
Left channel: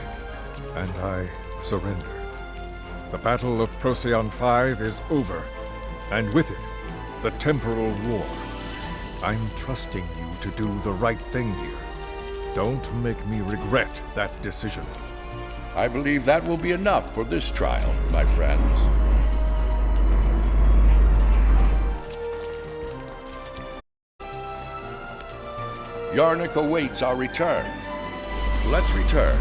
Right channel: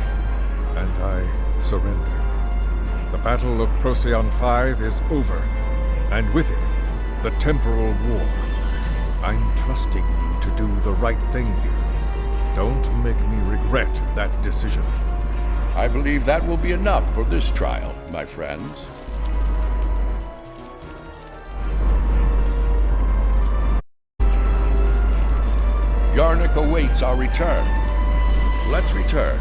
and I surrender. The Battle of Procyon 5 is over, and with it, the temporal war. I'm trusting you to do the right thing here. Don't make me regret that decision. I believe that will be enough for this trial, my friends. Yarnik awaits our return. Let's return.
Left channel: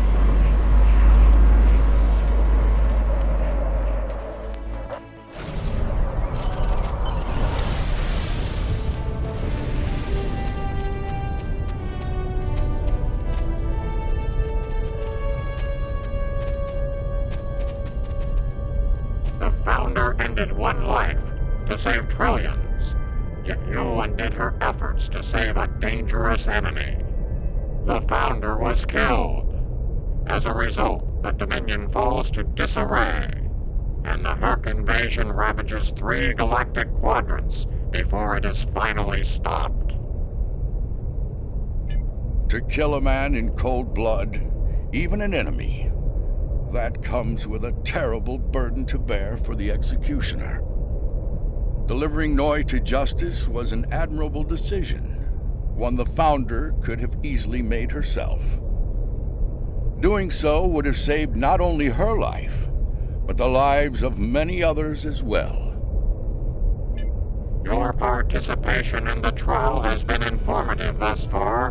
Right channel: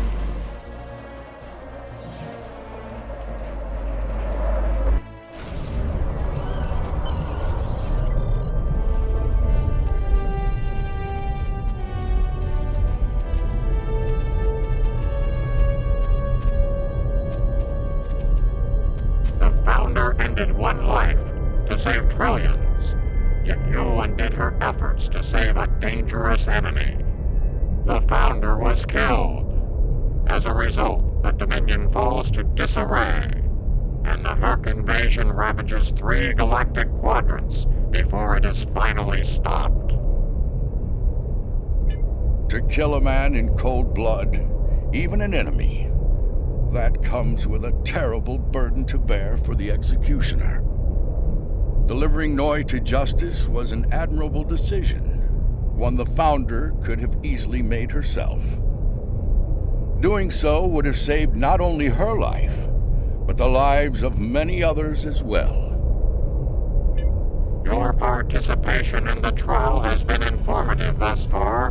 The Founder ended one life to save trillions, yet you undid her efforts to save a dangerous enemy. The Founder was killed. As a result, the Dominion falls to disarray, and the Herc invasion ravages 3 galactic quadrants before it is finally stopped. To kill a man in cold blood, even an enemy, that comes with a terrible burden to bear for the executioner. Delivering Noi to justice was an admirable decision, one the Founder could have easily made herself. Doing so would have saved not only her life, but the lives of many others as well. Your participation in the trial has been informative thus far,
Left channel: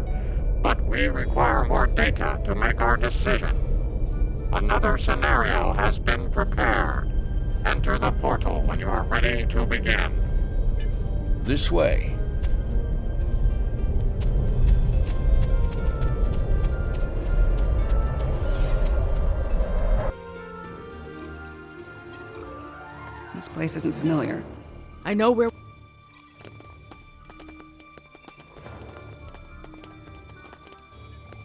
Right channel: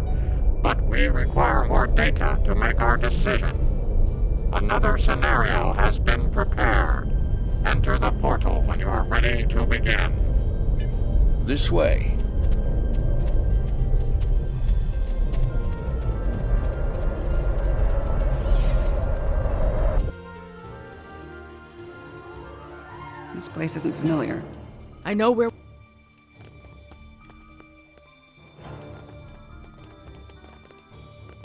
but we require more data to make our decision. Another scenario has been prepared. Enter the portal when you are ready to begin. This way. This place isn't familiar. I know where...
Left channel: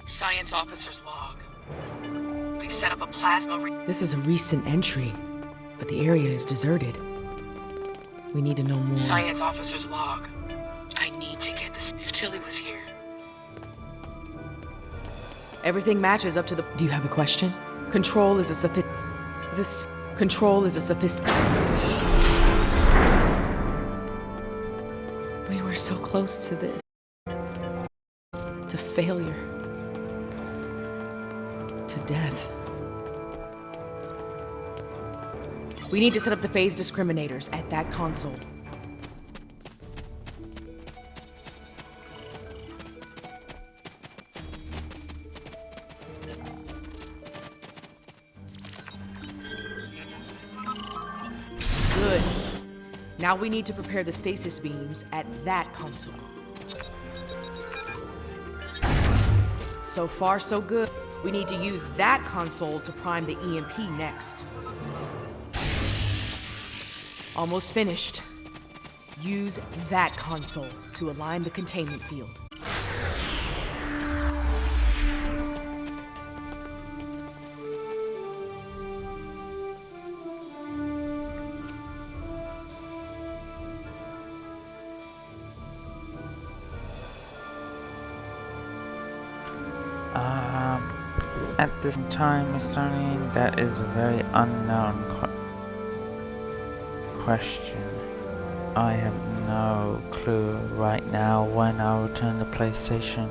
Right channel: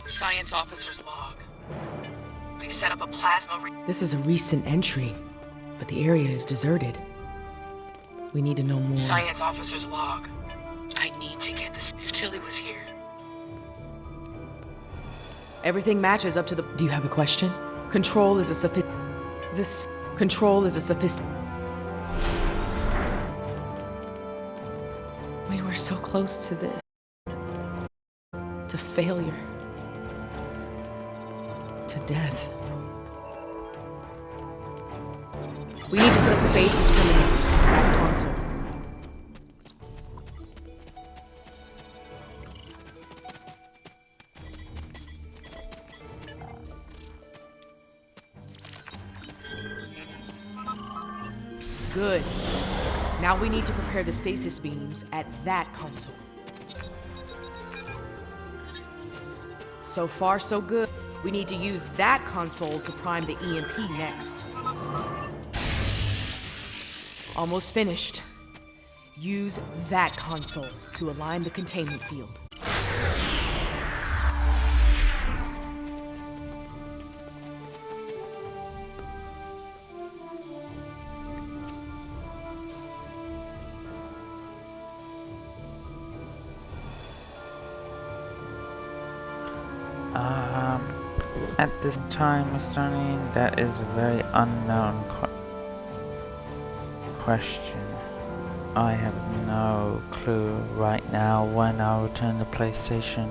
Science officer's log. We've set up a plasma... This is a recent entry, but the area is deserted. We need to know more. Science officer's log. I need to get this... If Tilly was here. Everything matches up to the... Do you have a question? Control is a Control is a sophisticated... We were so close to this. To failure. To death. We need to set up the phase discriminators at that console. Good. Now we need to prepare the stasis beams at that console. So far, so good. We need to use that console to prime the EMP next. Almost finished. Use that console to align the containment field. At this time, Mr. O'Neill, that is a very unknown question. I have no clue right now when I'll return to PlayStation.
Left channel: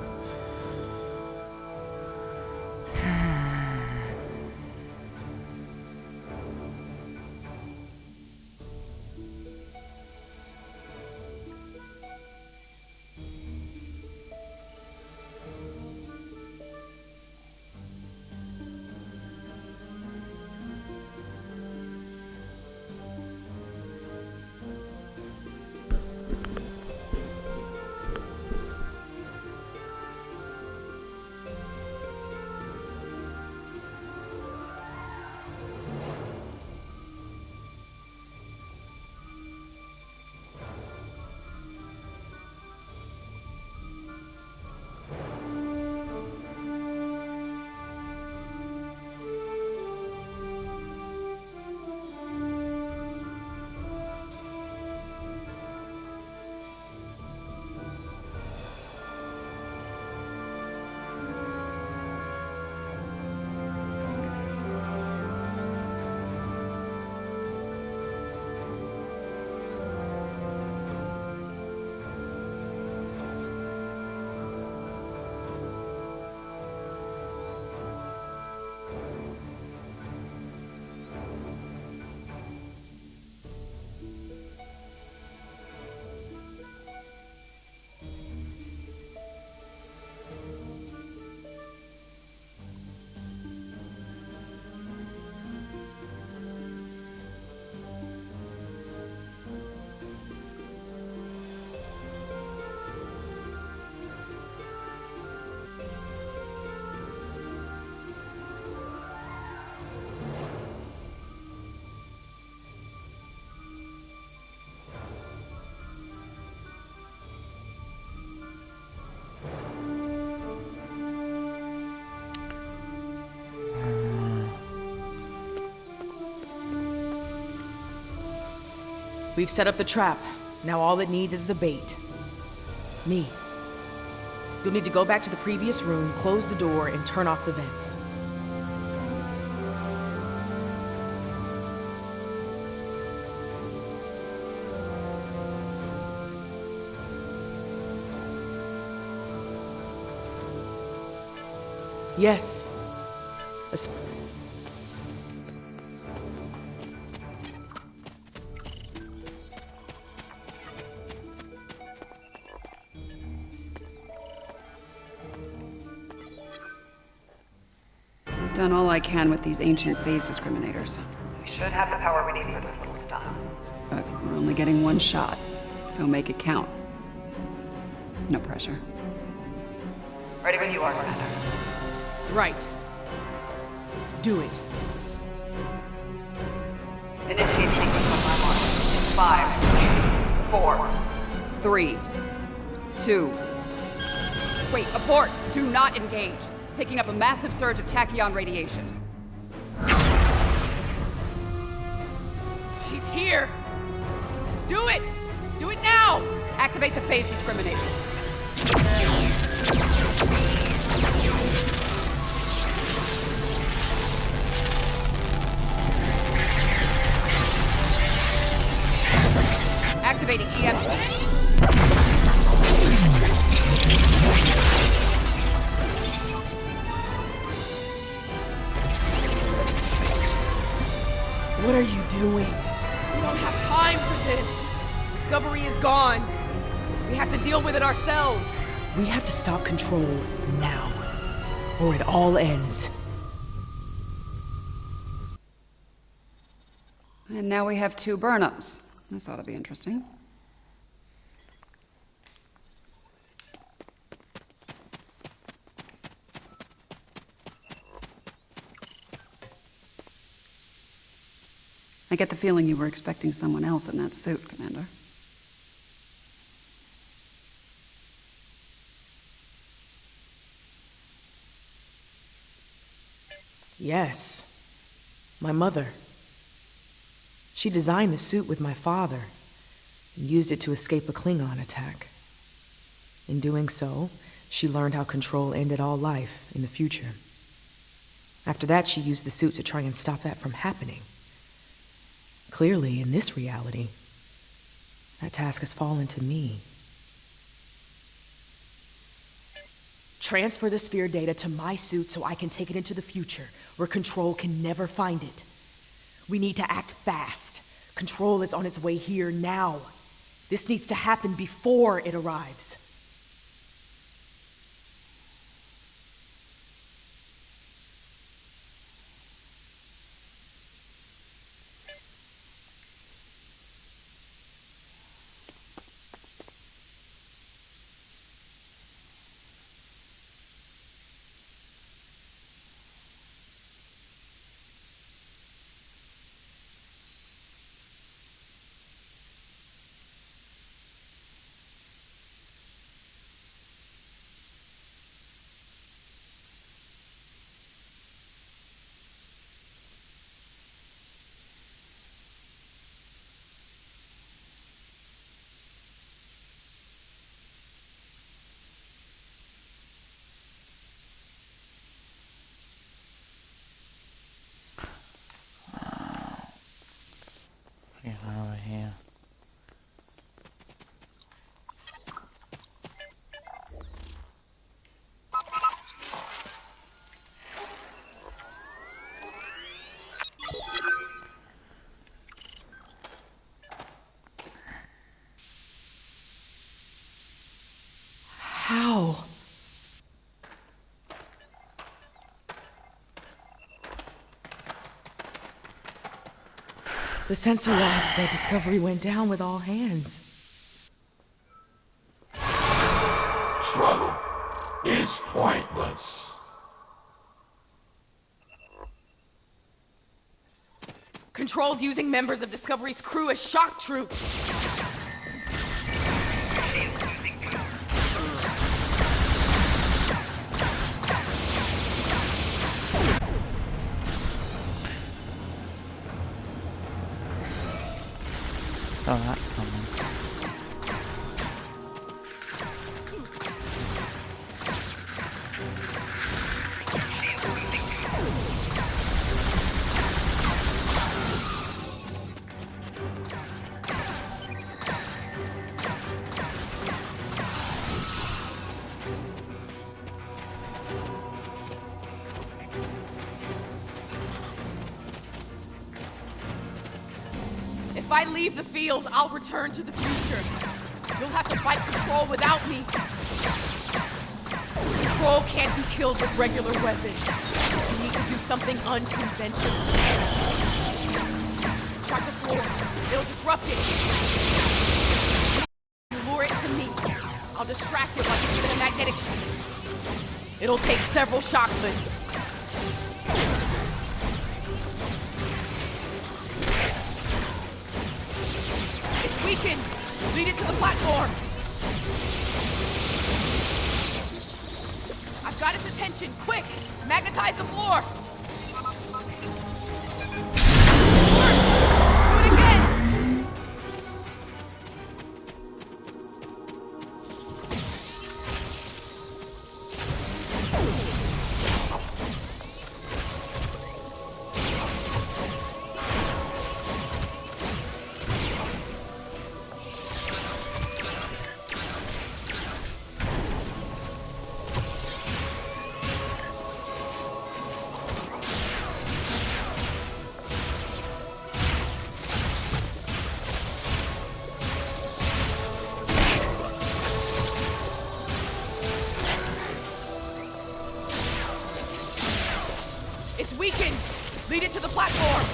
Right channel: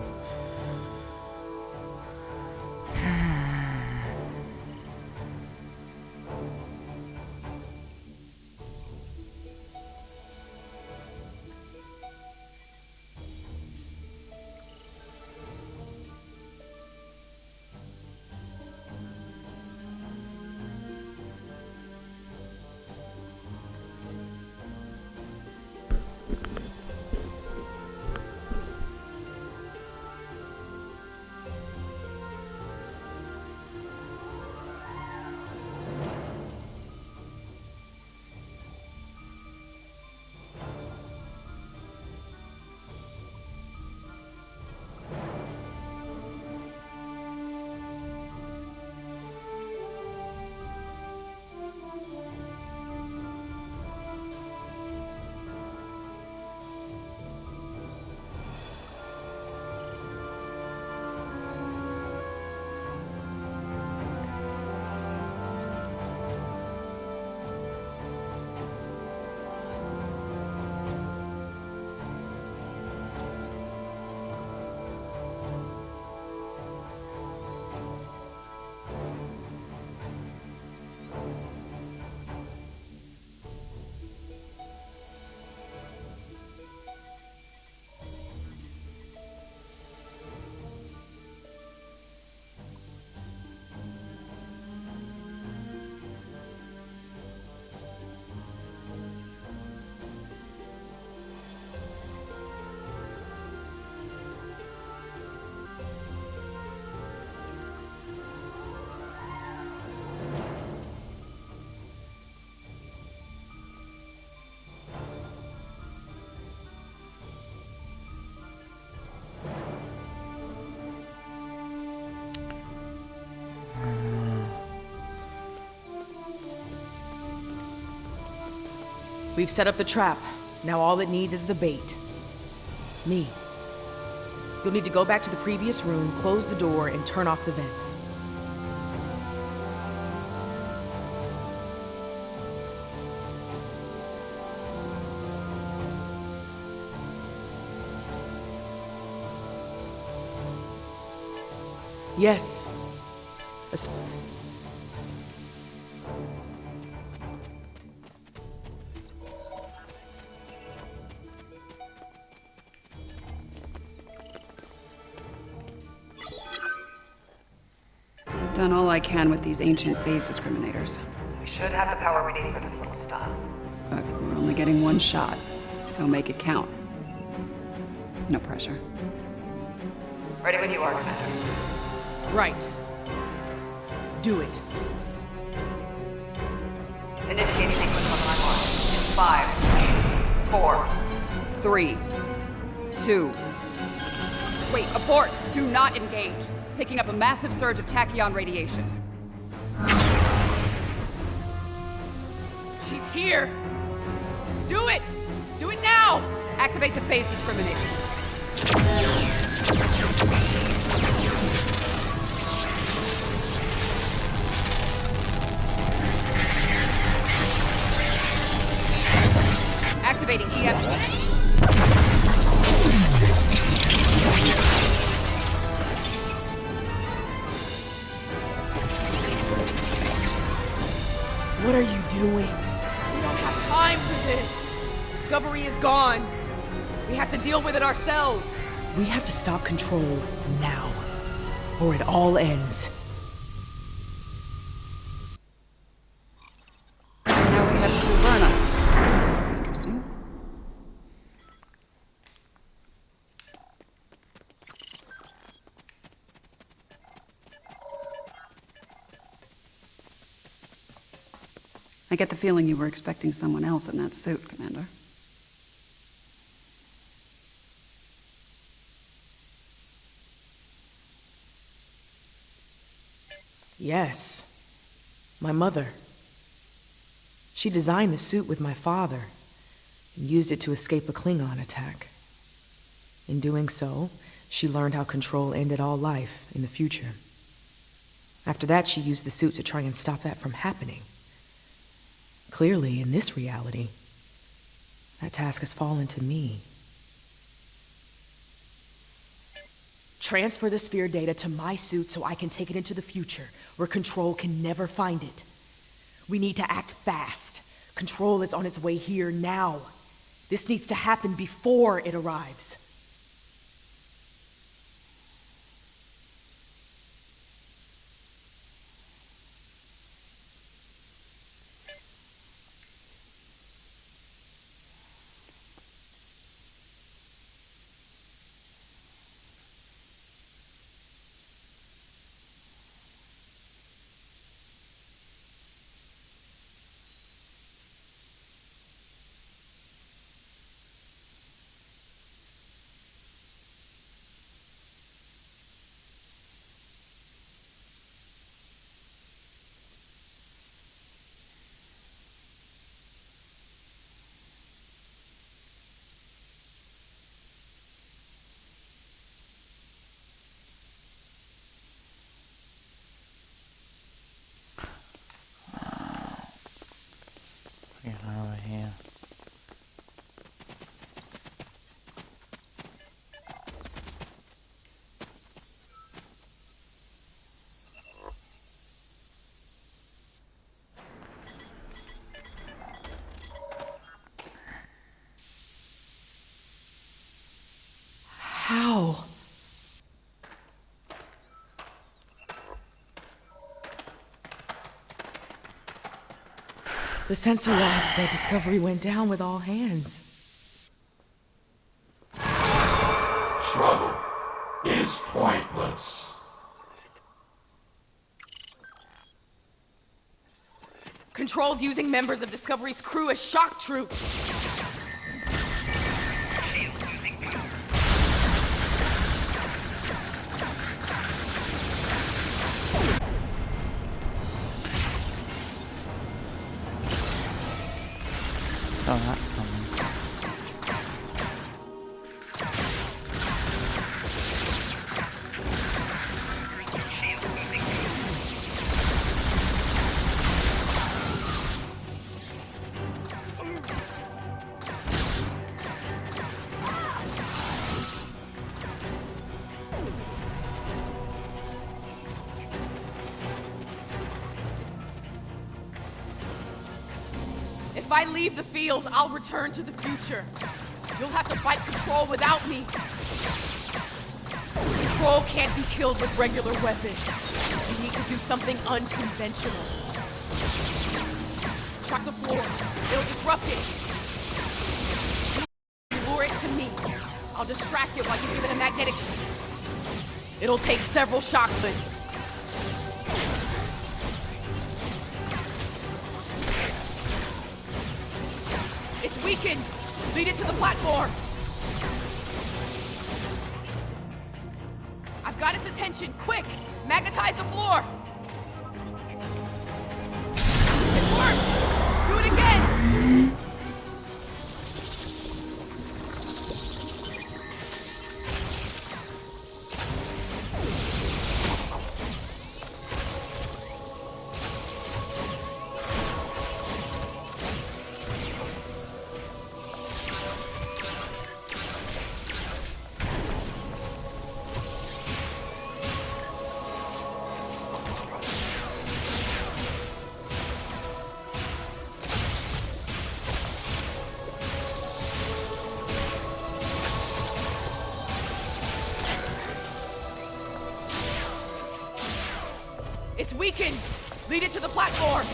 We've set up the trap. Now all it needs is the bait. Me. You'll need to go back to the previous room, close the door, and turn off the vents. Yes. I've done all I can with these ancient phase discriminators. We should have the power we need for this little stunt. But we're only getting one shot, so make it count. No pressure. Ready when you are, Commander. Right. Do it. Initiate sequence on my mark. In 5, 4, 3, 2. Wait, abort! Do not engage. Picking up a massive surge of tachyon radiation. She's here! Do it! Do it now! Activate the phase discriminators. Activating EMP. What are you doing? We don't have time for this. Discovery is gone. We have to deal with it ourselves. We have to stop Control now, or it all ends. And now we have 2 burn-ups. This ought to be interesting. I get the feeling you were expecting someone else in that suit, Commander. Yes. My mother. She designed the suit with my father and used it to escape a Klingon attack. In doing so, she learned how Control ended all life in the future. After that, she used the suit to try and stop that from happening. Clearly, in this reality, that task has fallen to me. Transfer the sphere data to my suit so I can take it into the future, where Control can never find it. We need to act fast. Control is on its way here now. This needs to happen before it arrives. Get over here. How? The sensor log said Discovery went down with all hands. Struggle is pointless. Control's using members of Discovery's crew as shock troops. saw that coming. If I leave the field, I'll return to the future. You'll have to fight Control without me. Control can't be killed with regular weapons. You need to do something unconventional. Shock the floor. It'll disrupt it. You lure it to me. I'll distract it while you give it a magnetic shock. It'll take several shocks, but it's weakened. Lead it to the platform. I've got its attention. Quick! Magnetize the floor. It works! Do it again! It's weakened. Lead it to the platform.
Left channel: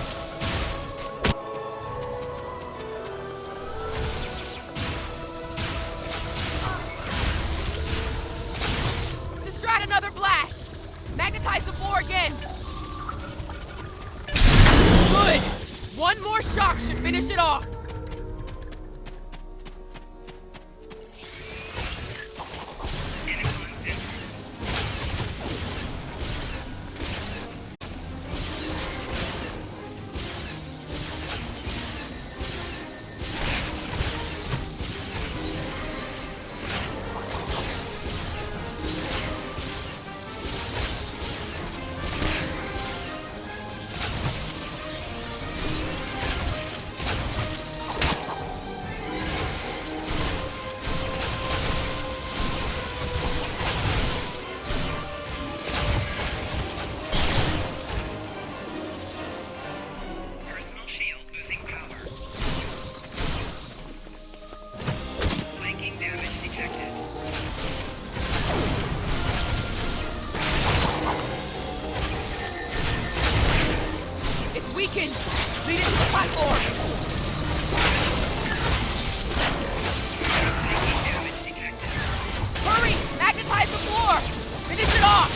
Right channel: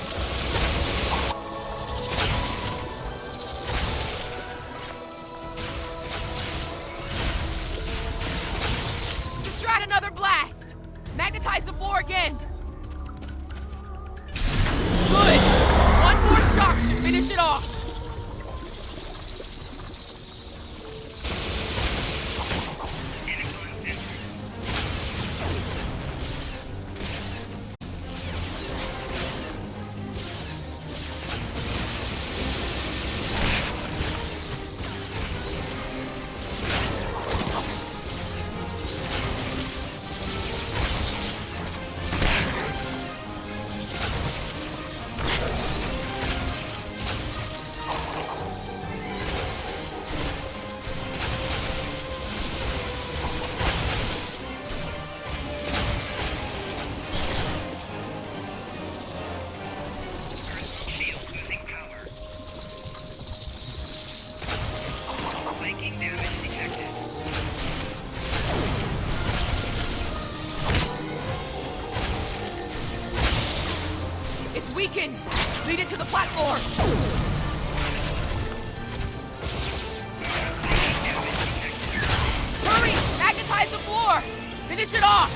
Distract another blast. Magnetize the floor again. Good. One more shock should finish it off. It's weakened. Lead it to the platform. Hurry! Magnetize the floor. Finish it off.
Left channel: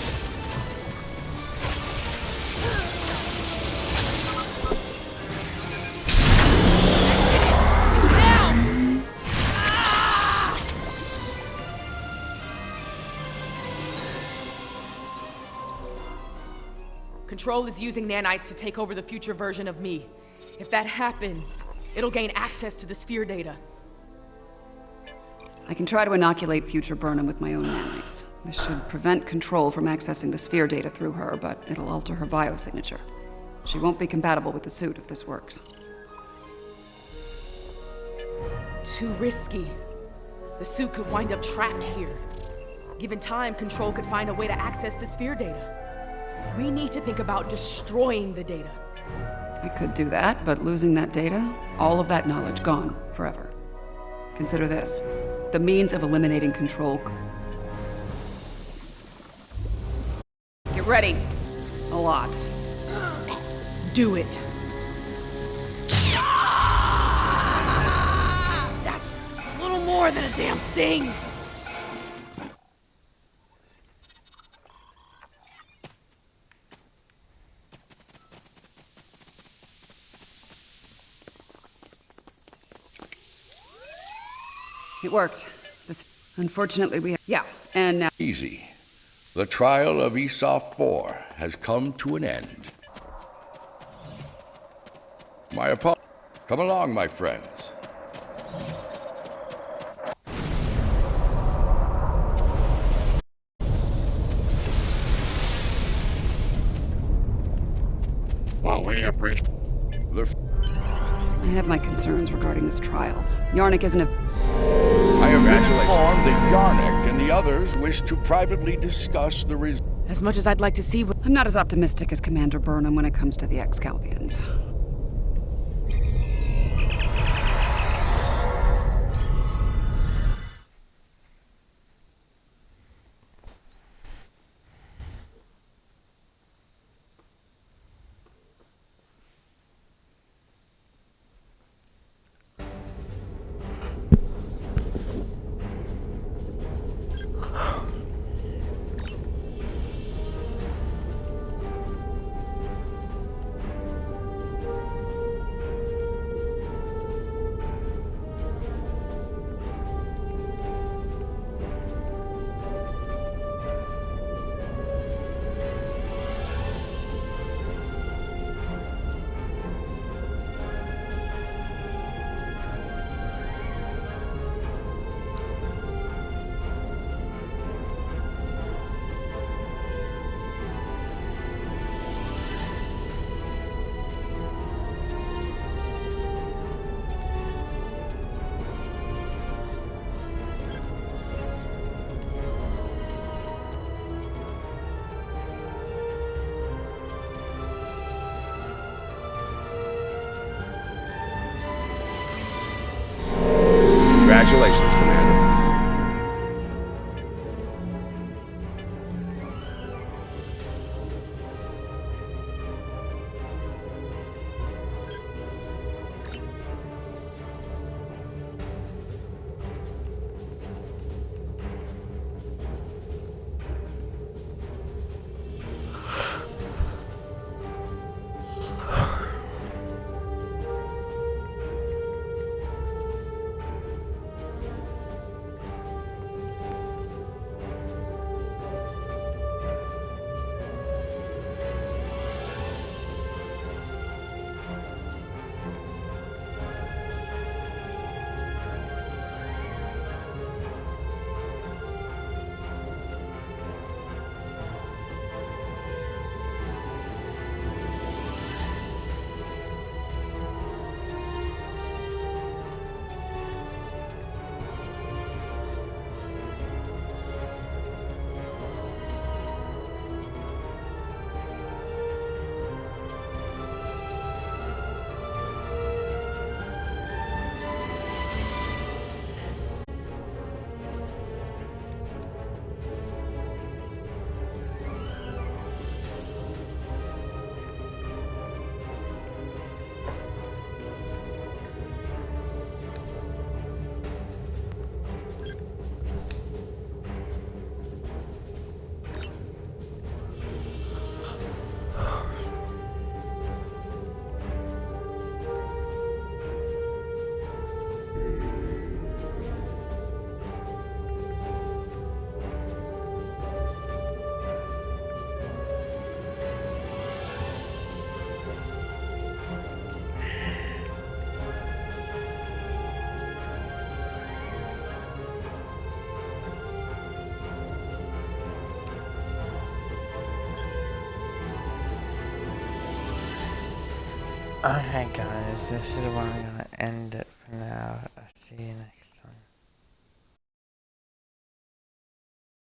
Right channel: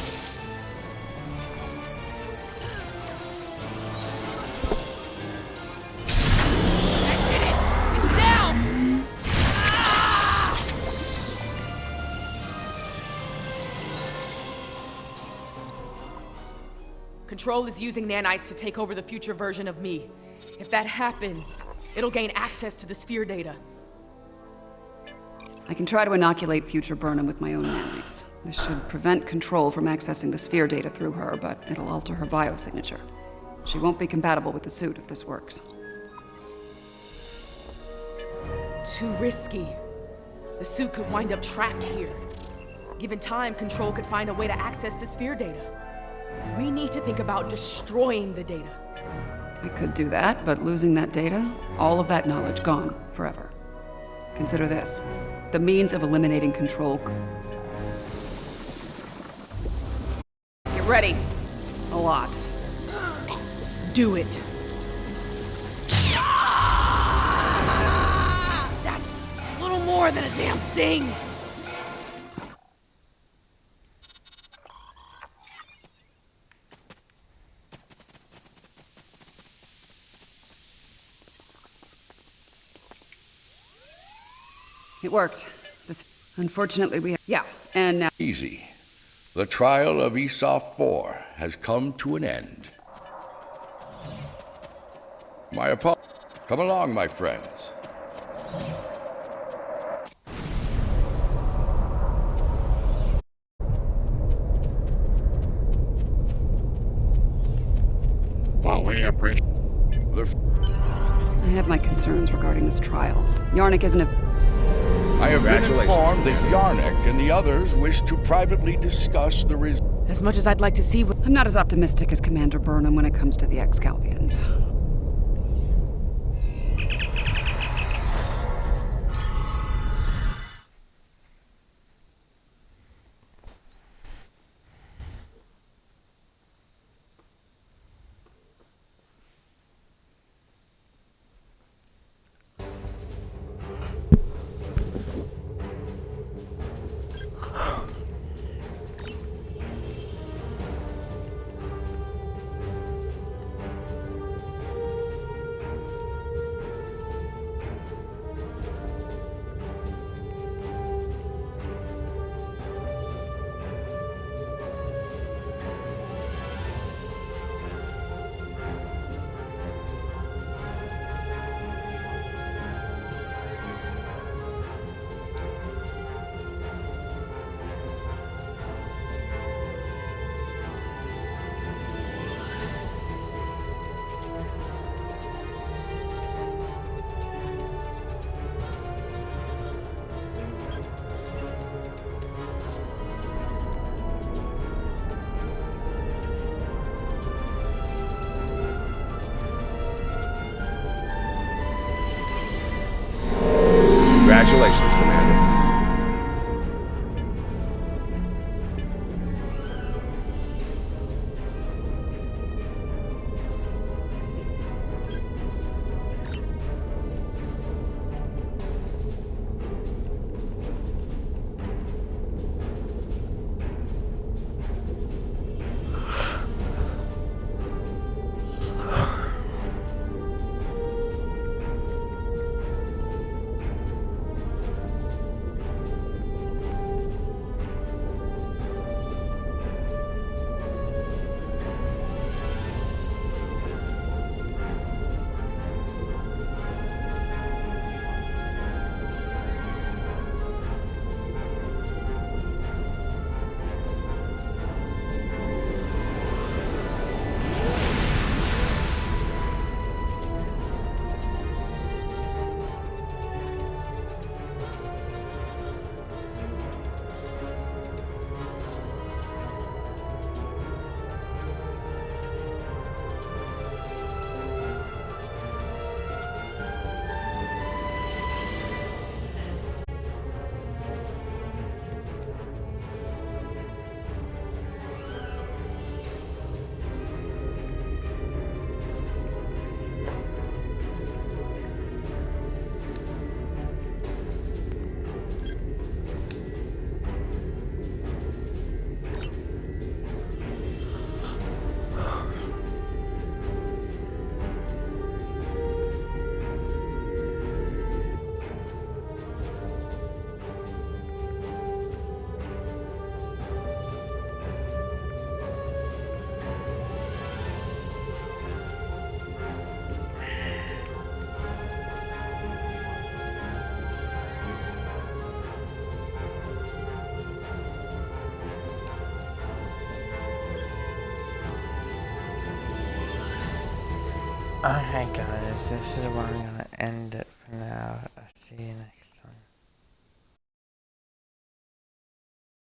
I did it. It's down. Ah! Control is using nanites to take over the future version of me. If that happens, it'll gain access to the sphere data. I can try to inoculate future Burnham with my own nanites. This should prevent Control from accessing the sphere data through her, but it'll alter her biosignature. She won't be compatible with the suit if this works. Too risky. The suit could wind up trapped here. Given time, Control could find a way to access the sphere data. We need to think about destroying the data. I could do that, but losing that data, all of that knowledge gone forever. Consider this. The means of eliminating Control. Get ready. A lot. Do it. That's a little more than a damn sting. It worked. Unfortunately, we have... Yeah, and now... Easy. The trial of ESOP 4 has come to an end. My apologies. Come along, my friends. Well, we appreciate... I have my concerns regarding this trial. Yarnik isn't a... I have been informed that Yarnik and the others wish to privately discuss the results. As much as I'd like to see... I'm not as optimistic as Commander Burnham when it comes to the Excalbians. Congratulations, Commander. Okay guys, this is where I'm gonna end it for now. I'll see you next